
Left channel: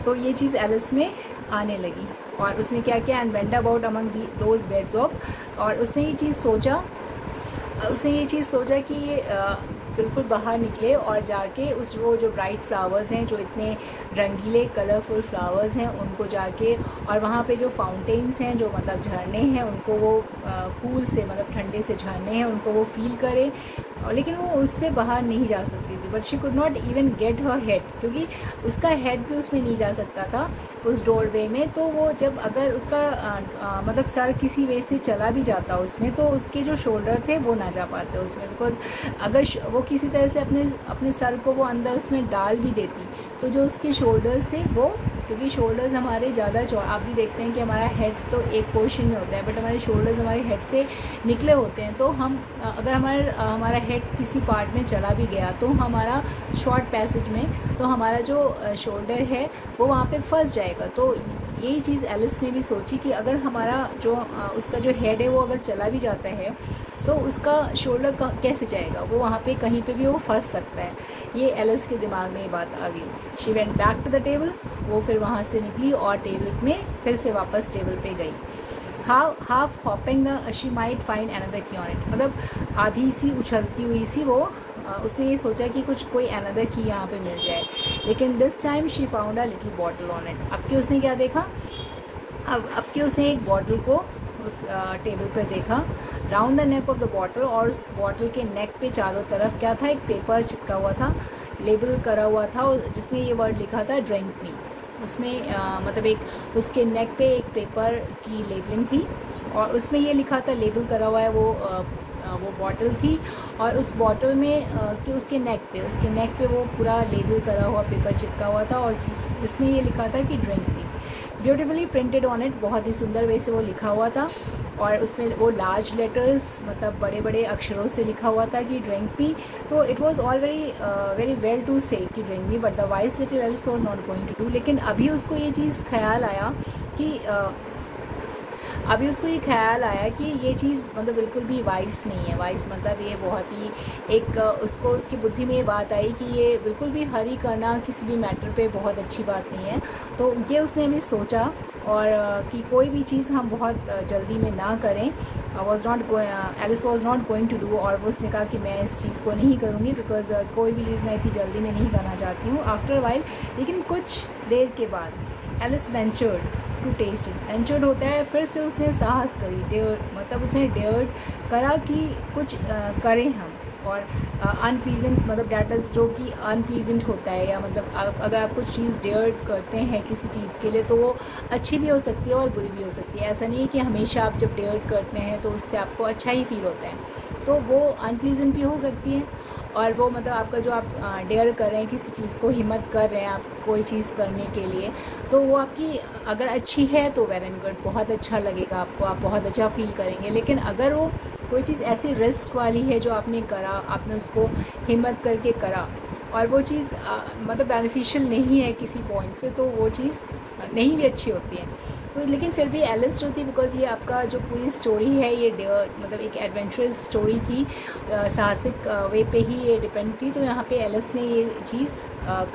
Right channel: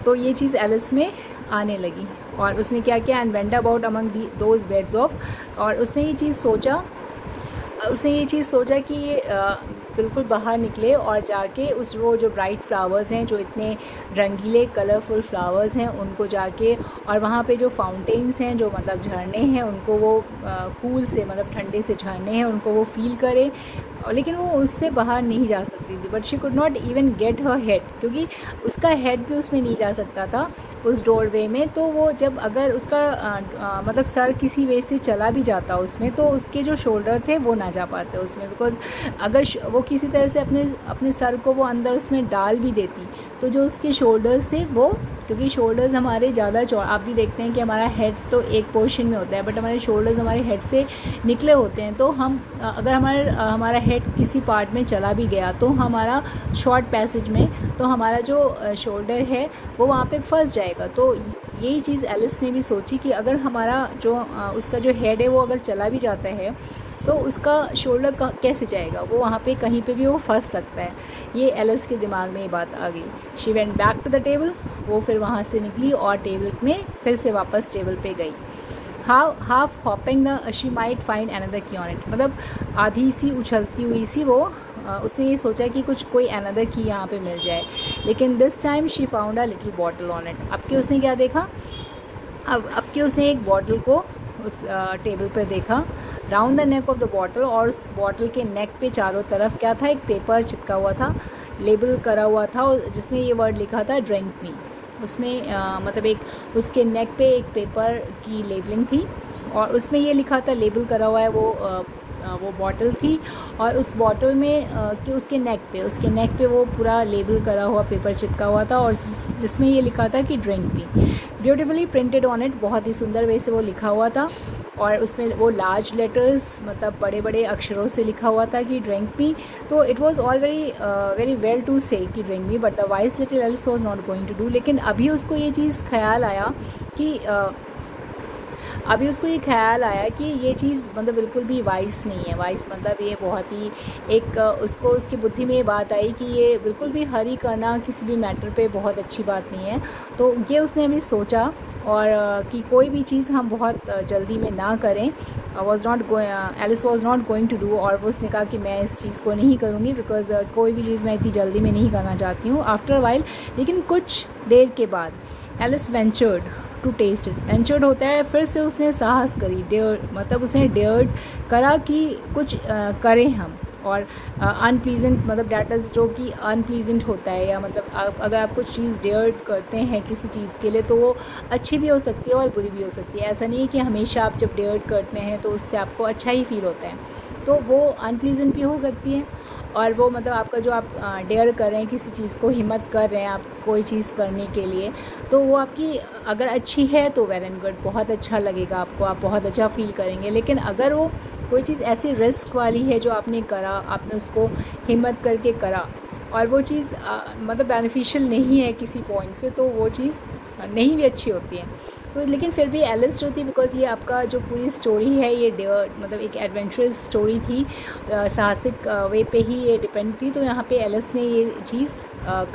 तो ये चीज़ एलिस में आने लगी, और उसने क्या किया, and went about among those beds of, और उसने ये चीज़ सोचा कि ये बिल्कुल बाहर निकले और जाके वो जो ब्राइट फ्लावर्स हैं, जो इतने रंगीले कलरफुल फ्लावर्स हैं, उनको जाके, और वहाँ पे जो फाउंटेन्स हैं, जो मतलब झरने हैं, उनको वो कूल से मतलब ठंडे से झरने हैं, उनको वो फील करे। लेकिन वो उससे बाहर नहीं जा सकती थी, but she could not even get her head, क्योंकि उसका हेड भी उसमें नहीं जा सकता था उस डोरवे में। तो वो जब अगर उसका मतलब सर किसी वे से चला भी जाता उसमें, तो उसके जो शोल्डर थे वो ना जा पाते उसमें, बिकॉज अगर वो किसी तरह से अपने सर को वो अंदर उसमें डाल भी देती, तो जो उसके शोल्डर्स थे वो, क्योंकि शोल्डर्स हमारे ज़्यादा आप भी देखते हैं कि हमारा हेड तो एक पोर्शन में होता है, बट हमारे शोल्डर्स हमारे हेड से निकले होते हैं। तो हम अगर हमारा हेड किसी पार्ट में चला भी गया, तो हमारा शॉर्ट पैसेज में, तो हमारा जो शोल्डर है वो वहाँ पे फंस जाएगा। तो यही चीज़ एलिस ने भी सोची कि अगर हमारा जो उसका जो हेड है वो अगर चला भी जाता है, तो उसका शोल्डर कैसे जाएगा, वो वहाँ पे कहीं पे भी वो फंस सकता है। ये एलिस के दिमाग में ये बात आ गई। She went back to the table, वो फिर वहाँ से निकली और टेबल में फिर से वापस टेबल पे गई। Half hopping the she might find another की ऑन इट, मतलब आधी सी उछलती हुई सी वो उसने ये सोचा कि कोई अनदर की यहाँ पे मिल जाए, लेकिन this time she found a little bottle on it. अब कि उसने क्या देखा, अब कि उसने एक बॉटल को उस टेबल पे देखा, round the neck of the bottle, और उस बॉटल के नेक पे चारों तरफ क्या था, एक पेपर चिपका हुआ था, लेबल करा हुआ था, जिसमें ये वर्ड लिखा था ड्रिंक मी। उसमें मतलब एक उसके नेक पे एक पेपर की लेबलिंग थी, और उसमें ये लिखा था, लेबल करा हुआ है, वो बॉटल थी, और उस बॉटल में कि उसके नेक पे वो पूरा लेबल करा हुआ पेपर चिपका हुआ था, और जिसमें ये लिखा था कि drink me, beautifully printed on it, बहुत ही सुंदर वे से वो लिखा हुआ था, और उसमें वो लार्ज लेटर्स मतलब बड़े बड़े अक्षरों से लिखा हुआ था कि ड्रिंक मी। तो it was all very well to say कि drink me, but the wise little Alice was not going to do. लेकिन अभी उसको ये चीज़ ख्याल आया कि ये चीज़ मतलब बिल्कुल भी वाइस नहीं है। वाइस मतलब ये बहुत ही एक उसको उसकी बुद्धि में ये बात आई कि ये बिल्कुल भी हरी करना किसी भी मैटर पे बहुत अच्छी बात नहीं है। तो ये उसने भी सोचा, और कि कोई भी चीज़ हम बहुत जल्दी में ना करें। Alice was not going to do, और वो उसने कहा कि मैं इस चीज़ को नहीं करूँगी, बिकॉज कोई भी चीज़ मैं इतनी जल्दी में नहीं करना चाहती हूँ। आफ्टर वाइल, लेकिन कुछ देर के बाद Alice ventured to taste it. Ventured होता है फिर से उसने साहस करी, डेयर मतलब उसने डेयर्ड करा कि कुछ करें हम। और अनप्लीजेंट मतलब डैट इज़ जो कि अनप्लीजेंट होता है, या मतलब अगर आप कुछ चीज़ डेयर करते हैं किसी चीज़ के लिए तो वो अच्छी भी हो सकती है और बुरी भी हो सकती है। ऐसा नहीं है कि हमेशा आप जब डेयर करते हैं तो उससे आपको अच्छा ही फील होता है, तो वो अनप्लीजेंट भी हो सकती है। और वो मतलब आपका जो आप डेयर कर रहे हैं किसी चीज़ को, हिम्मत कर रहे हैं आप कोई चीज़ करने के लिए, तो वो आपकी अगर अच्छी है तो वेल एंड गुड, बहुत अच्छा लगेगा आपको, आप बहुत अच्छा फील करेंगे। लेकिन अगर वो कोई चीज़ ऐसी रिस्क वाली है जो आपने करा, आपने उसको हिम्मत करके करा और वो चीज़ मतलब बेनिफिशियल नहीं है किसी पॉइंट से, तो वो चीज़ नहीं भी अच्छी होती है। तो लेकिन फिर भी एलिस जो थी, बिकॉज ये आपका जो पूरी स्टोरी है ये मतलब एक एडवेंचरस स्टोरी थी, साहसिक वे पे ही ये डिपेंड थी, तो यहाँ पे एलिस ने ये चीज़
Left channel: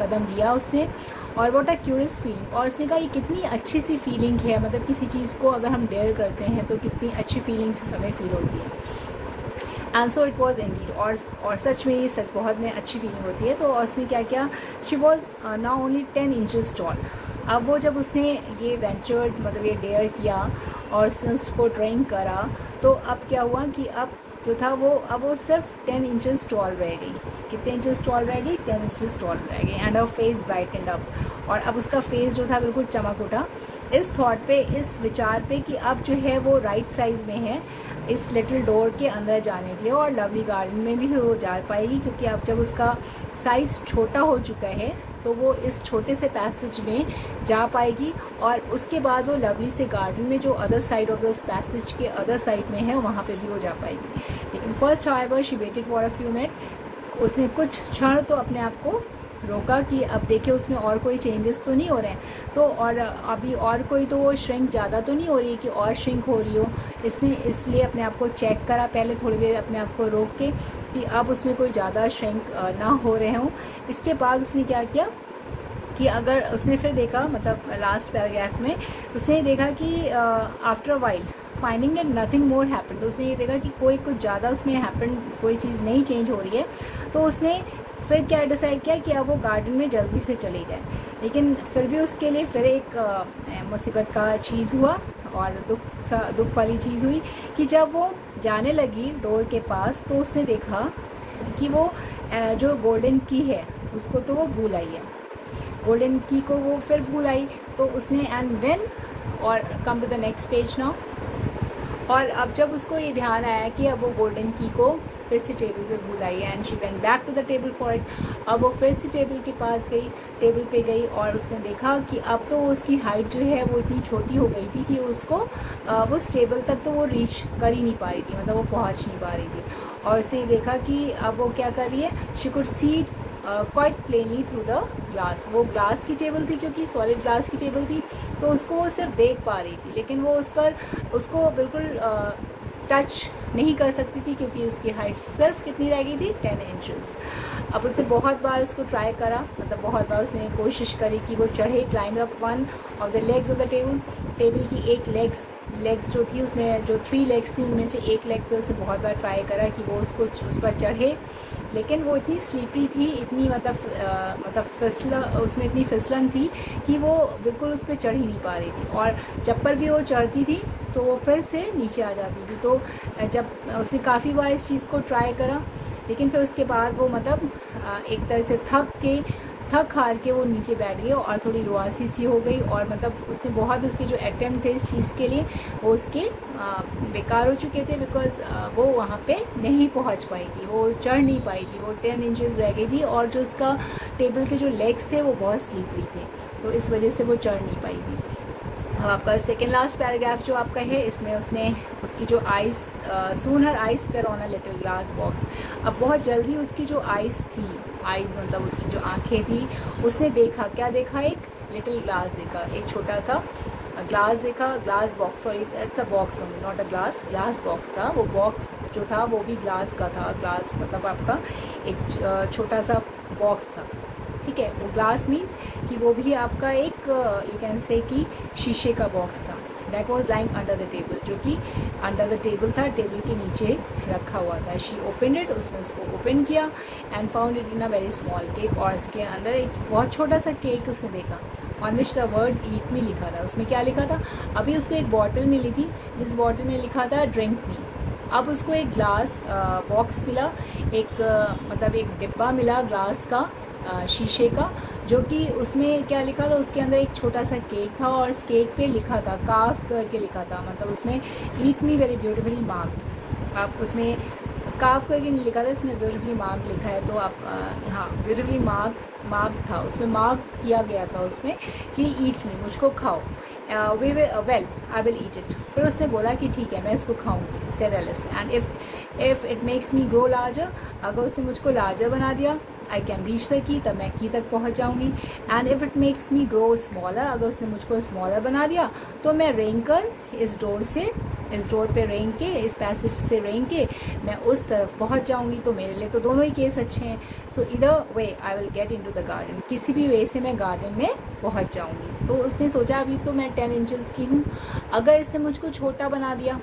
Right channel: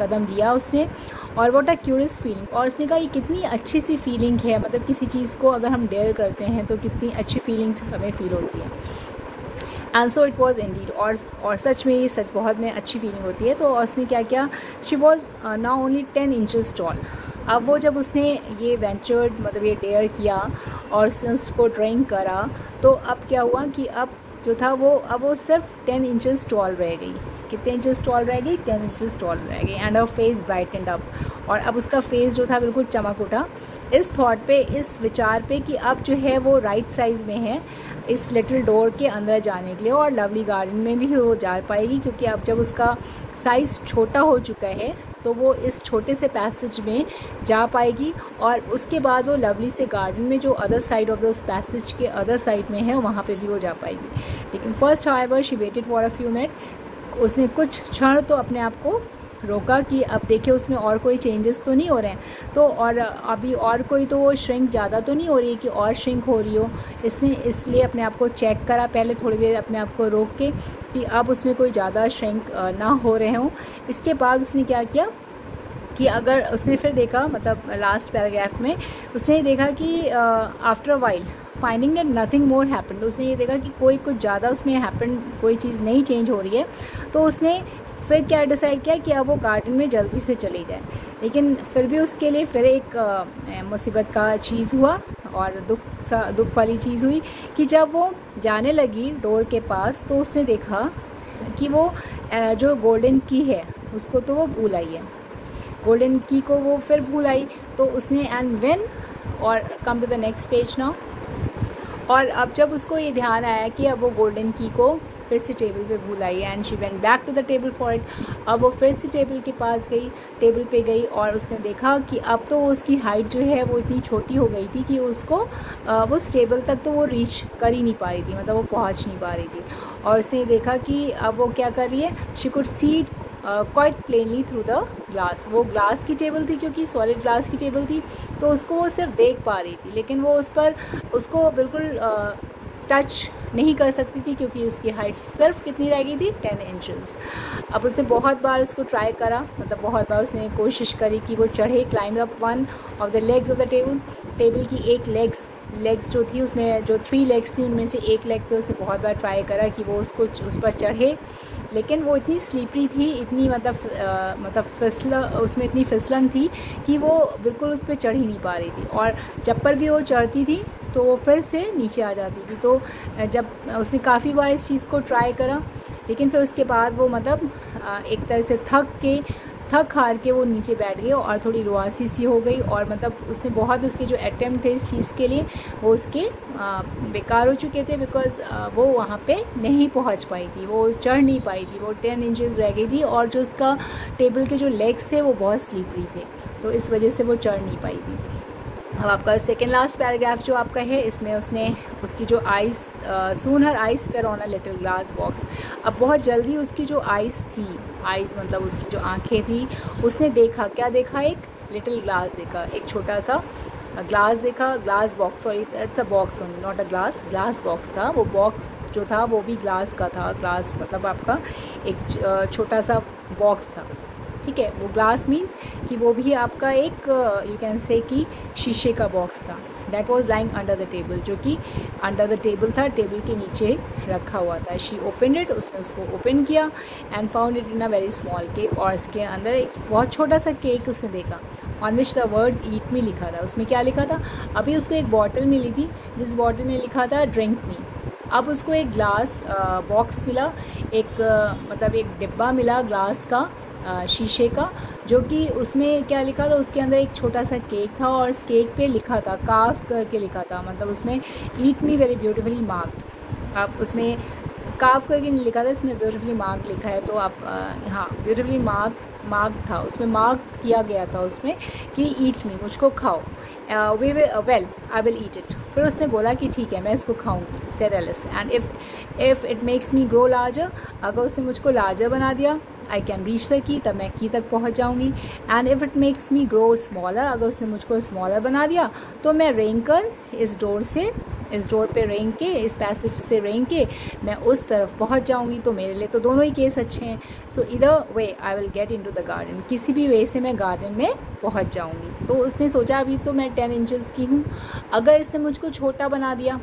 कदम लिया उसने। और व्हाट अ क्यूरियस फीलिंग, और उसने कहा ये कितनी अच्छी सी फीलिंग है, मतलब किसी चीज़ को अगर हम डेयर करते हैं तो कितनी अच्छी फीलिंग्स हमें फील होती है। And so it was Indeed, और सच में ये सच बहुत में अच्छी फीलिंग होती है। तो उसने क्या किया, she was now only 10 inches tall. अब वो जब उसने ये वेंचर्ड मतलब ये डेयर किया और उसको ट्रेन करा, तो अब क्या हुआ कि अब जो था वो सिर्फ 10 इंचेस टॉल रह गई। कितने इंचेस टॉल रह गई? 10 इंचेस टॉल रह गई। And a face brightened up, और अब उसका फेस जो था बिल्कुल चमक उठा इस थॉट पे, इस विचार पे कि अब जो है वो राइट साइज़ में है इस लिटिल डोर के अंदर जाने के लिए, और लवली गार्डन में भी वो जा पाएगी, क्योंकि अब जब उसका साइज़ छोटा हो चुका है तो वो इस छोटे से पैसेज में जा पाएगी, और उसके बाद वो लवली से गार्डन में जो other side of this passage के अदर साइड में है वहाँ पे भी वो जा पाएगी। लेकिन first however she waited for a few minute, उसने कुछ क्षण तो अपने आप को रोका कि अब देखिए उसमें और कोई चेंजेस तो नहीं हो रहे हैं, तो और अभी और कोई तो वो श्रिंक ज़्यादा तो नहीं हो रही कि और श्रिंक हो रही हो। इसने इसलिए अपने आप को चेक करा पहले थोड़ी देर, अपने आप को रोक के कि अब उसमें कोई ज़्यादा श्रिंक ना हो रहे हों। इसके बाद उसने क्या किया कि अगर उसने फिर देखा, मतलब लास्ट पैराग्राफ में उसने देखा कि after a while finding that nothing more happened, उसने ये देखा कि कोई कुछ ज़्यादा उसमें हैपन, कोई चीज़ नहीं चेंज हो रही है, तो उसने फिर क्या डिसाइड किया कि अब वो गार्डन में जल्दी से चली जाए। लेकिन फिर भी उसके लिए फिर एक मुसीबत का चीज़ हुआ और दुख वाली चीज़ हुई कि जब वो जाने लगी डोर के पास तो उसने देखा कि वो जो गोल्डन की है उसको तो वो भूल आई है, गोल्डन की को वो फिर भूल आई। तो उसने एंड व्हेन, और come to the next page now, और अब जब उसको ये ध्यान आया कि अब वो गोल्डन की को फिर से टेबल पे भूल आई है, and she went back to the table for it. अब वो फिर से टेबल के पास गई, टेबल पे गई, और उसने देखा कि अब तो उसकी हाइट जो है वो इतनी छोटी हो गई थी कि उसको उस टेबल तक तो वो रीच कर ही नहीं पा रही थी, मतलब वो पहुंच नहीं पा रही थी। और उसने देखा कि अब वो क्या कर रही है, she could see quite plainly through the glass. वो ग्लास की टेबल थी, क्योंकि सॉलिड ग्लास की टेबल थी, तो उसको वो सिर्फ देख पा रही थी, लेकिन वो उस पर उसको बिल्कुल टच नहीं कर सकती थी, क्योंकि उसकी हाइट सिर्फ कितनी रह गई थी, 10 इंचेस। अब उसने बहुत बार उसको ट्राई करा, मतलब बहुत बार उसने कोशिश करी कि वो चढ़े, climb up one of the legs of the table. Table की एक लेग्स जो थी उसमें जो 3 लेग्स थी उनमें से एक लेग पे उसने बहुत बार ट्राई करा कि वो उसको उस पर चढ़े, लेकिन वो इतनी स्लीपरी थी, इतनी मतलब उसमें इतनी फिसलन थी कि वो बिल्कुल उस पर चढ़ ही नहीं पा रही थी, और जब पर भी वो चढ़ती थी तो वो फिर से नीचे आ जाती थी। तो जब उसने काफ़ी बार इस चीज़ को ट्राई करा, लेकिन फिर उसके बाद वो मतलब एक तरह से थक हार के वो नीचे बैठ गई और थोड़ी रुआसी सी हो गई, और मतलब उसने बहुत उसके जो अटेम्प्ट थे इस चीज़ के लिए वो उसके बेकार हो चुके थे, बिकॉज वो वहाँ पे नहीं पहुँच पाई थी, वो चढ़ नहीं पाई थी, वो 10 इंचेस रह गई थी, और जो उसका टेबल के जो लेग्स थे वो बहुत स्लीपरी थे, तो इस वजह से वो चढ़ नहीं पाई थी। अब आपका सेकेंड लास्ट पैराग्राफ जो आपका है, इसमें उसने उसकी जो eyes soon her eyes fell on a little glass box. अब बहुत जल्दी उसकी जो आइज़ मतलब उसकी जो आंखें थी, उसने देखा, क्या देखा, एक लिटिल ग्लास देखा, एक छोटा सा ग्लास देखा, glass box, sorry it's a box only not a glass box था। वो बॉक्स जो था वो भी ग्लास का था, ग्लास मतलब आपका एक छोटा सा बॉक्स था, ठीक है। वो ग्लास मीन्स कि वो भी आपका एक यू कैन से कि शीशे का बॉक्स था। That was lying under the table, जो कि अंडर द टेबल था, टेबल के नीचे रखा हुआ था। शी ओपन इट, उसने उसको ओपन किया and found it in a very small cake, और इसके अंदर एक बहुत छोटा सा केक उसने देखा। ऑन विच द वर्ड्स ईट मी लिखा था। उसमें क्या लिखा था, अभी उसको एक बॉटल मिली थी जिस बॉटल में लिखा था ड्रिंक मी। अब उसको एक ग्लास बॉक्स मिला, एक मतलब एक डिब्बा मिला ग्लास का, शीशे का, जो कि उसमें क्या लिखा था, उसके अंदर एक छोटा सा केक था और इस केक पे लिखा था, कार्व करके लिखा था, मतलब उसमें ईट मी वेरी ब्यूटीफुली मार्क्ड। आप उसमें कार्व करके नहीं लिखा था, इसमें ब्यूटीफुली मार्क लिखा है, तो आप हाँ ब्यूटीफुली मार्क था, उसमें मार्क किया गया था उसमें कि ईट मी, मुझको खाओ। Well I will eat it. फिर उसने बोला कि ठीक है मैं इसको खाऊंगी, said Alice, and if it makes me grow larger, अगर उसने मुझको लार्जर बना दिया, I can reach the key, तब मैं की तक पहुंच जाऊंगी। And if it makes me grow smaller, अगर उसने मुझको स्मॉलर बना दिया तो मैं रेंग कर इस डोर पे रेंग के, इस पैसेज से रेंग के मैं उस तरफ पहुंच जाऊंगी। तो मेरे लिए तो दोनों ही केस अच्छे हैं। सो इधर way I will get into the garden, किसी भी वे से मैं गार्डन में पहुंच जाऊंगी। तो उसने सोचा अभी तो मैं 10 इंचेस की हूँ, अगर इसने मुझको छोटा बना दिया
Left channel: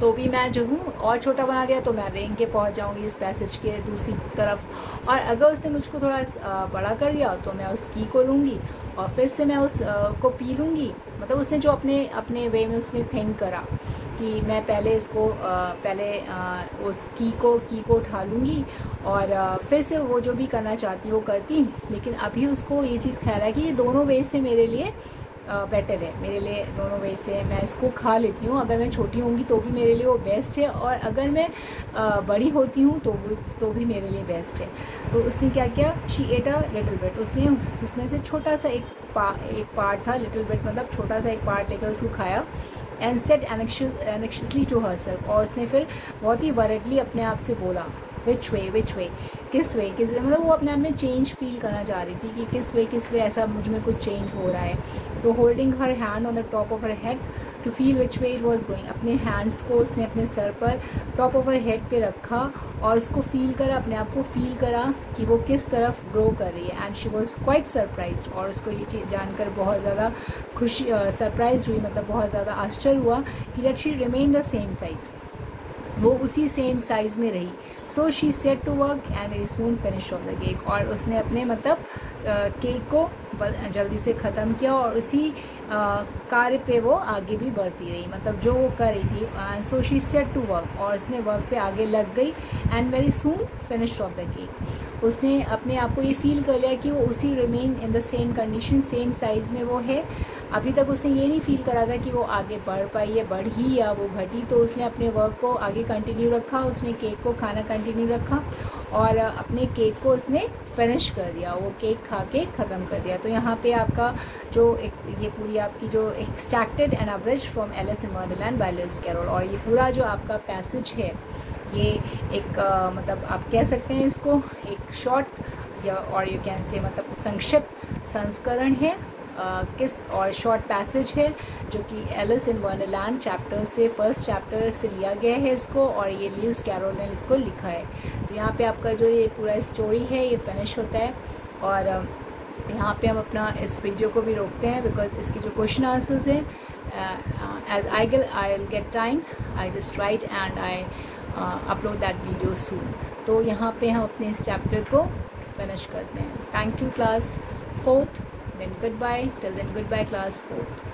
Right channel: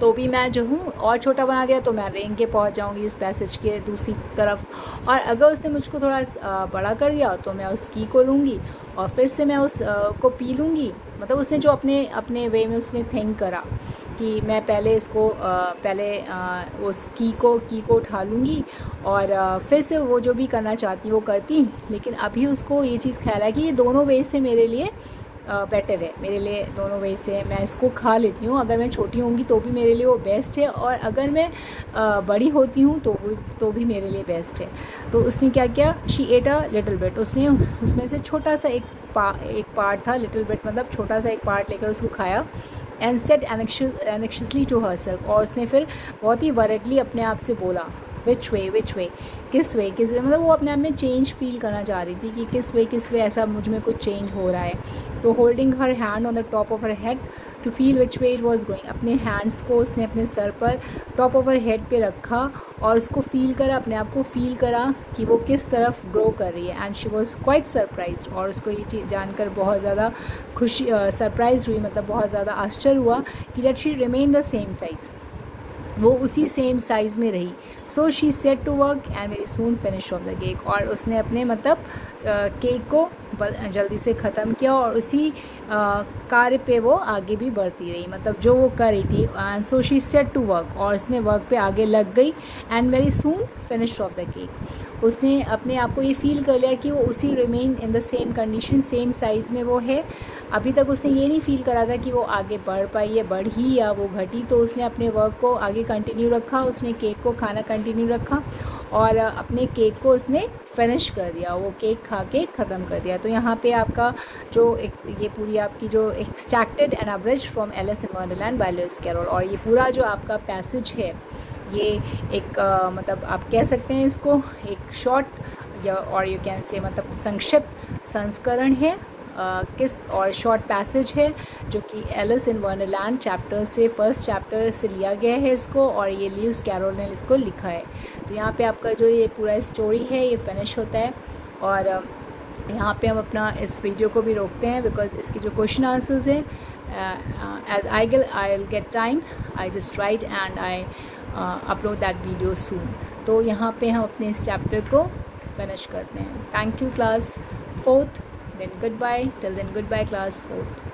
तो भी मैं जो हूँ, और छोटा बना दिया तो मैं रेंग के पहुँच जाऊँगी इस पैसेज के दूसरी तरफ। और अगर उसने मुझको थोड़ा बड़ा कर दिया तो मैं उस की को लूँगी और फिर से मैं उस को पी लूँगी। मतलब उसने जो अपने वे में उसने थिंक करा कि मैं पहले इसको उस की को उठा लूँगी और फिर से वो जो भी करना चाहती वो करती। लेकिन अभी उसको ये चीज़ ख्याल है कि ये दोनों वे से मेरे लिए बेटर है, मेरे लिए दोनों वे से मैं इसको खा लेती हूँ। अगर मैं छोटी होंगी तो भी मेरे लिए वो बेस्ट है, और अगर मैं बड़ी होती हूँ तो भी मेरे लिए बेस्ट है। तो उसने क्या किया, she at a little bit, उसने उसमें से छोटा सा एक पार्ट था, लिटिल बिट मतलब छोटा सा एक पार्ट लेकर उसको खाया। एंड सेड एनेक्शियसली टू हरसेल्फ, और उसने फिर बहुत ही वरिडली अपने आप से बोला, विच वे, किस वे, मतलब वो अपने आप में चेंज फील करना चाह रही थी कि किस वे ऐसा मुझ में कुछ चेंज हो रहा है। तो holding her hand on the top of her head to feel which way it was going, अपने हैंड्स को उसने अपने सर पर टॉप ऑफ हर हेड पे रखा और उसको फील करा, अपने आप को फील करा कि वो किस तरफ ग्रो कर रही है। And she was quite surprised, और उसको ये चीज़ जानकर बहुत ज़्यादा खुशी सरप्राइज हुई, मतलब बहुत ज़्यादा आश्चर्य हुआ कि that she remain the same size, वो उसी सेम साइज़ में रही। So she set to work and very soon finish off the cake, और उसने अपने मतलब केक को जल्दी से ख़त्म किया और उसी कार्य पे वो आगे भी बढ़ती रही, मतलब जो वो कर रही थी। So she set to work, और उसने वर्क पे आगे लग गई। And very soon finish off the cake, उसने अपने आप को ये फील कर लिया कि वो उसी remain in the same condition, same size में वो है। अभी तक उसने ये नहीं फील करा था कि वो आगे बढ़ पाई है, बढ़ी या वो घटी। तो उसने अपने वर्क को आगे कंटिन्यू रखा, उसने केक को खाना कंटिन्यू रखा और अपने केक को उसने फिनिश कर दिया, वो केक खा के ख़त्म कर दिया। तो यहाँ पे आपका जो ये पूरी आपकी जो extracted and abridged from Alice in Wonderland by Lewis Carroll, और ये पूरा जो आपका पैसेज है ये एक मतलब आप कह सकते हैं इसको एक शॉर्ट या और यू कैन से मतलब संक्षिप्त संस्करण है किस और शॉर्ट पैसेज है जो कि एलिस इन वंडरलैंड चैप्टर से फर्स्ट चैप्टर से लिया गया है इसको, और ये लुइस कैरोल ने इसको लिखा है। तो यहाँ पे आपका जो ये पूरा स्टोरी है ये फिनिश होता है, और यहाँ पे हम अपना इस वीडियो को भी रोकते हैं बिकॉज इसकी जो क्वेश्चन आंसर्स हैं as I will get time I just write and I upload that video soon. तो यहाँ पे हम अपने इस चैप्टर को फिनिश करते हैं। Thank you class 4th, then goodbye, till then goodbye class 4th।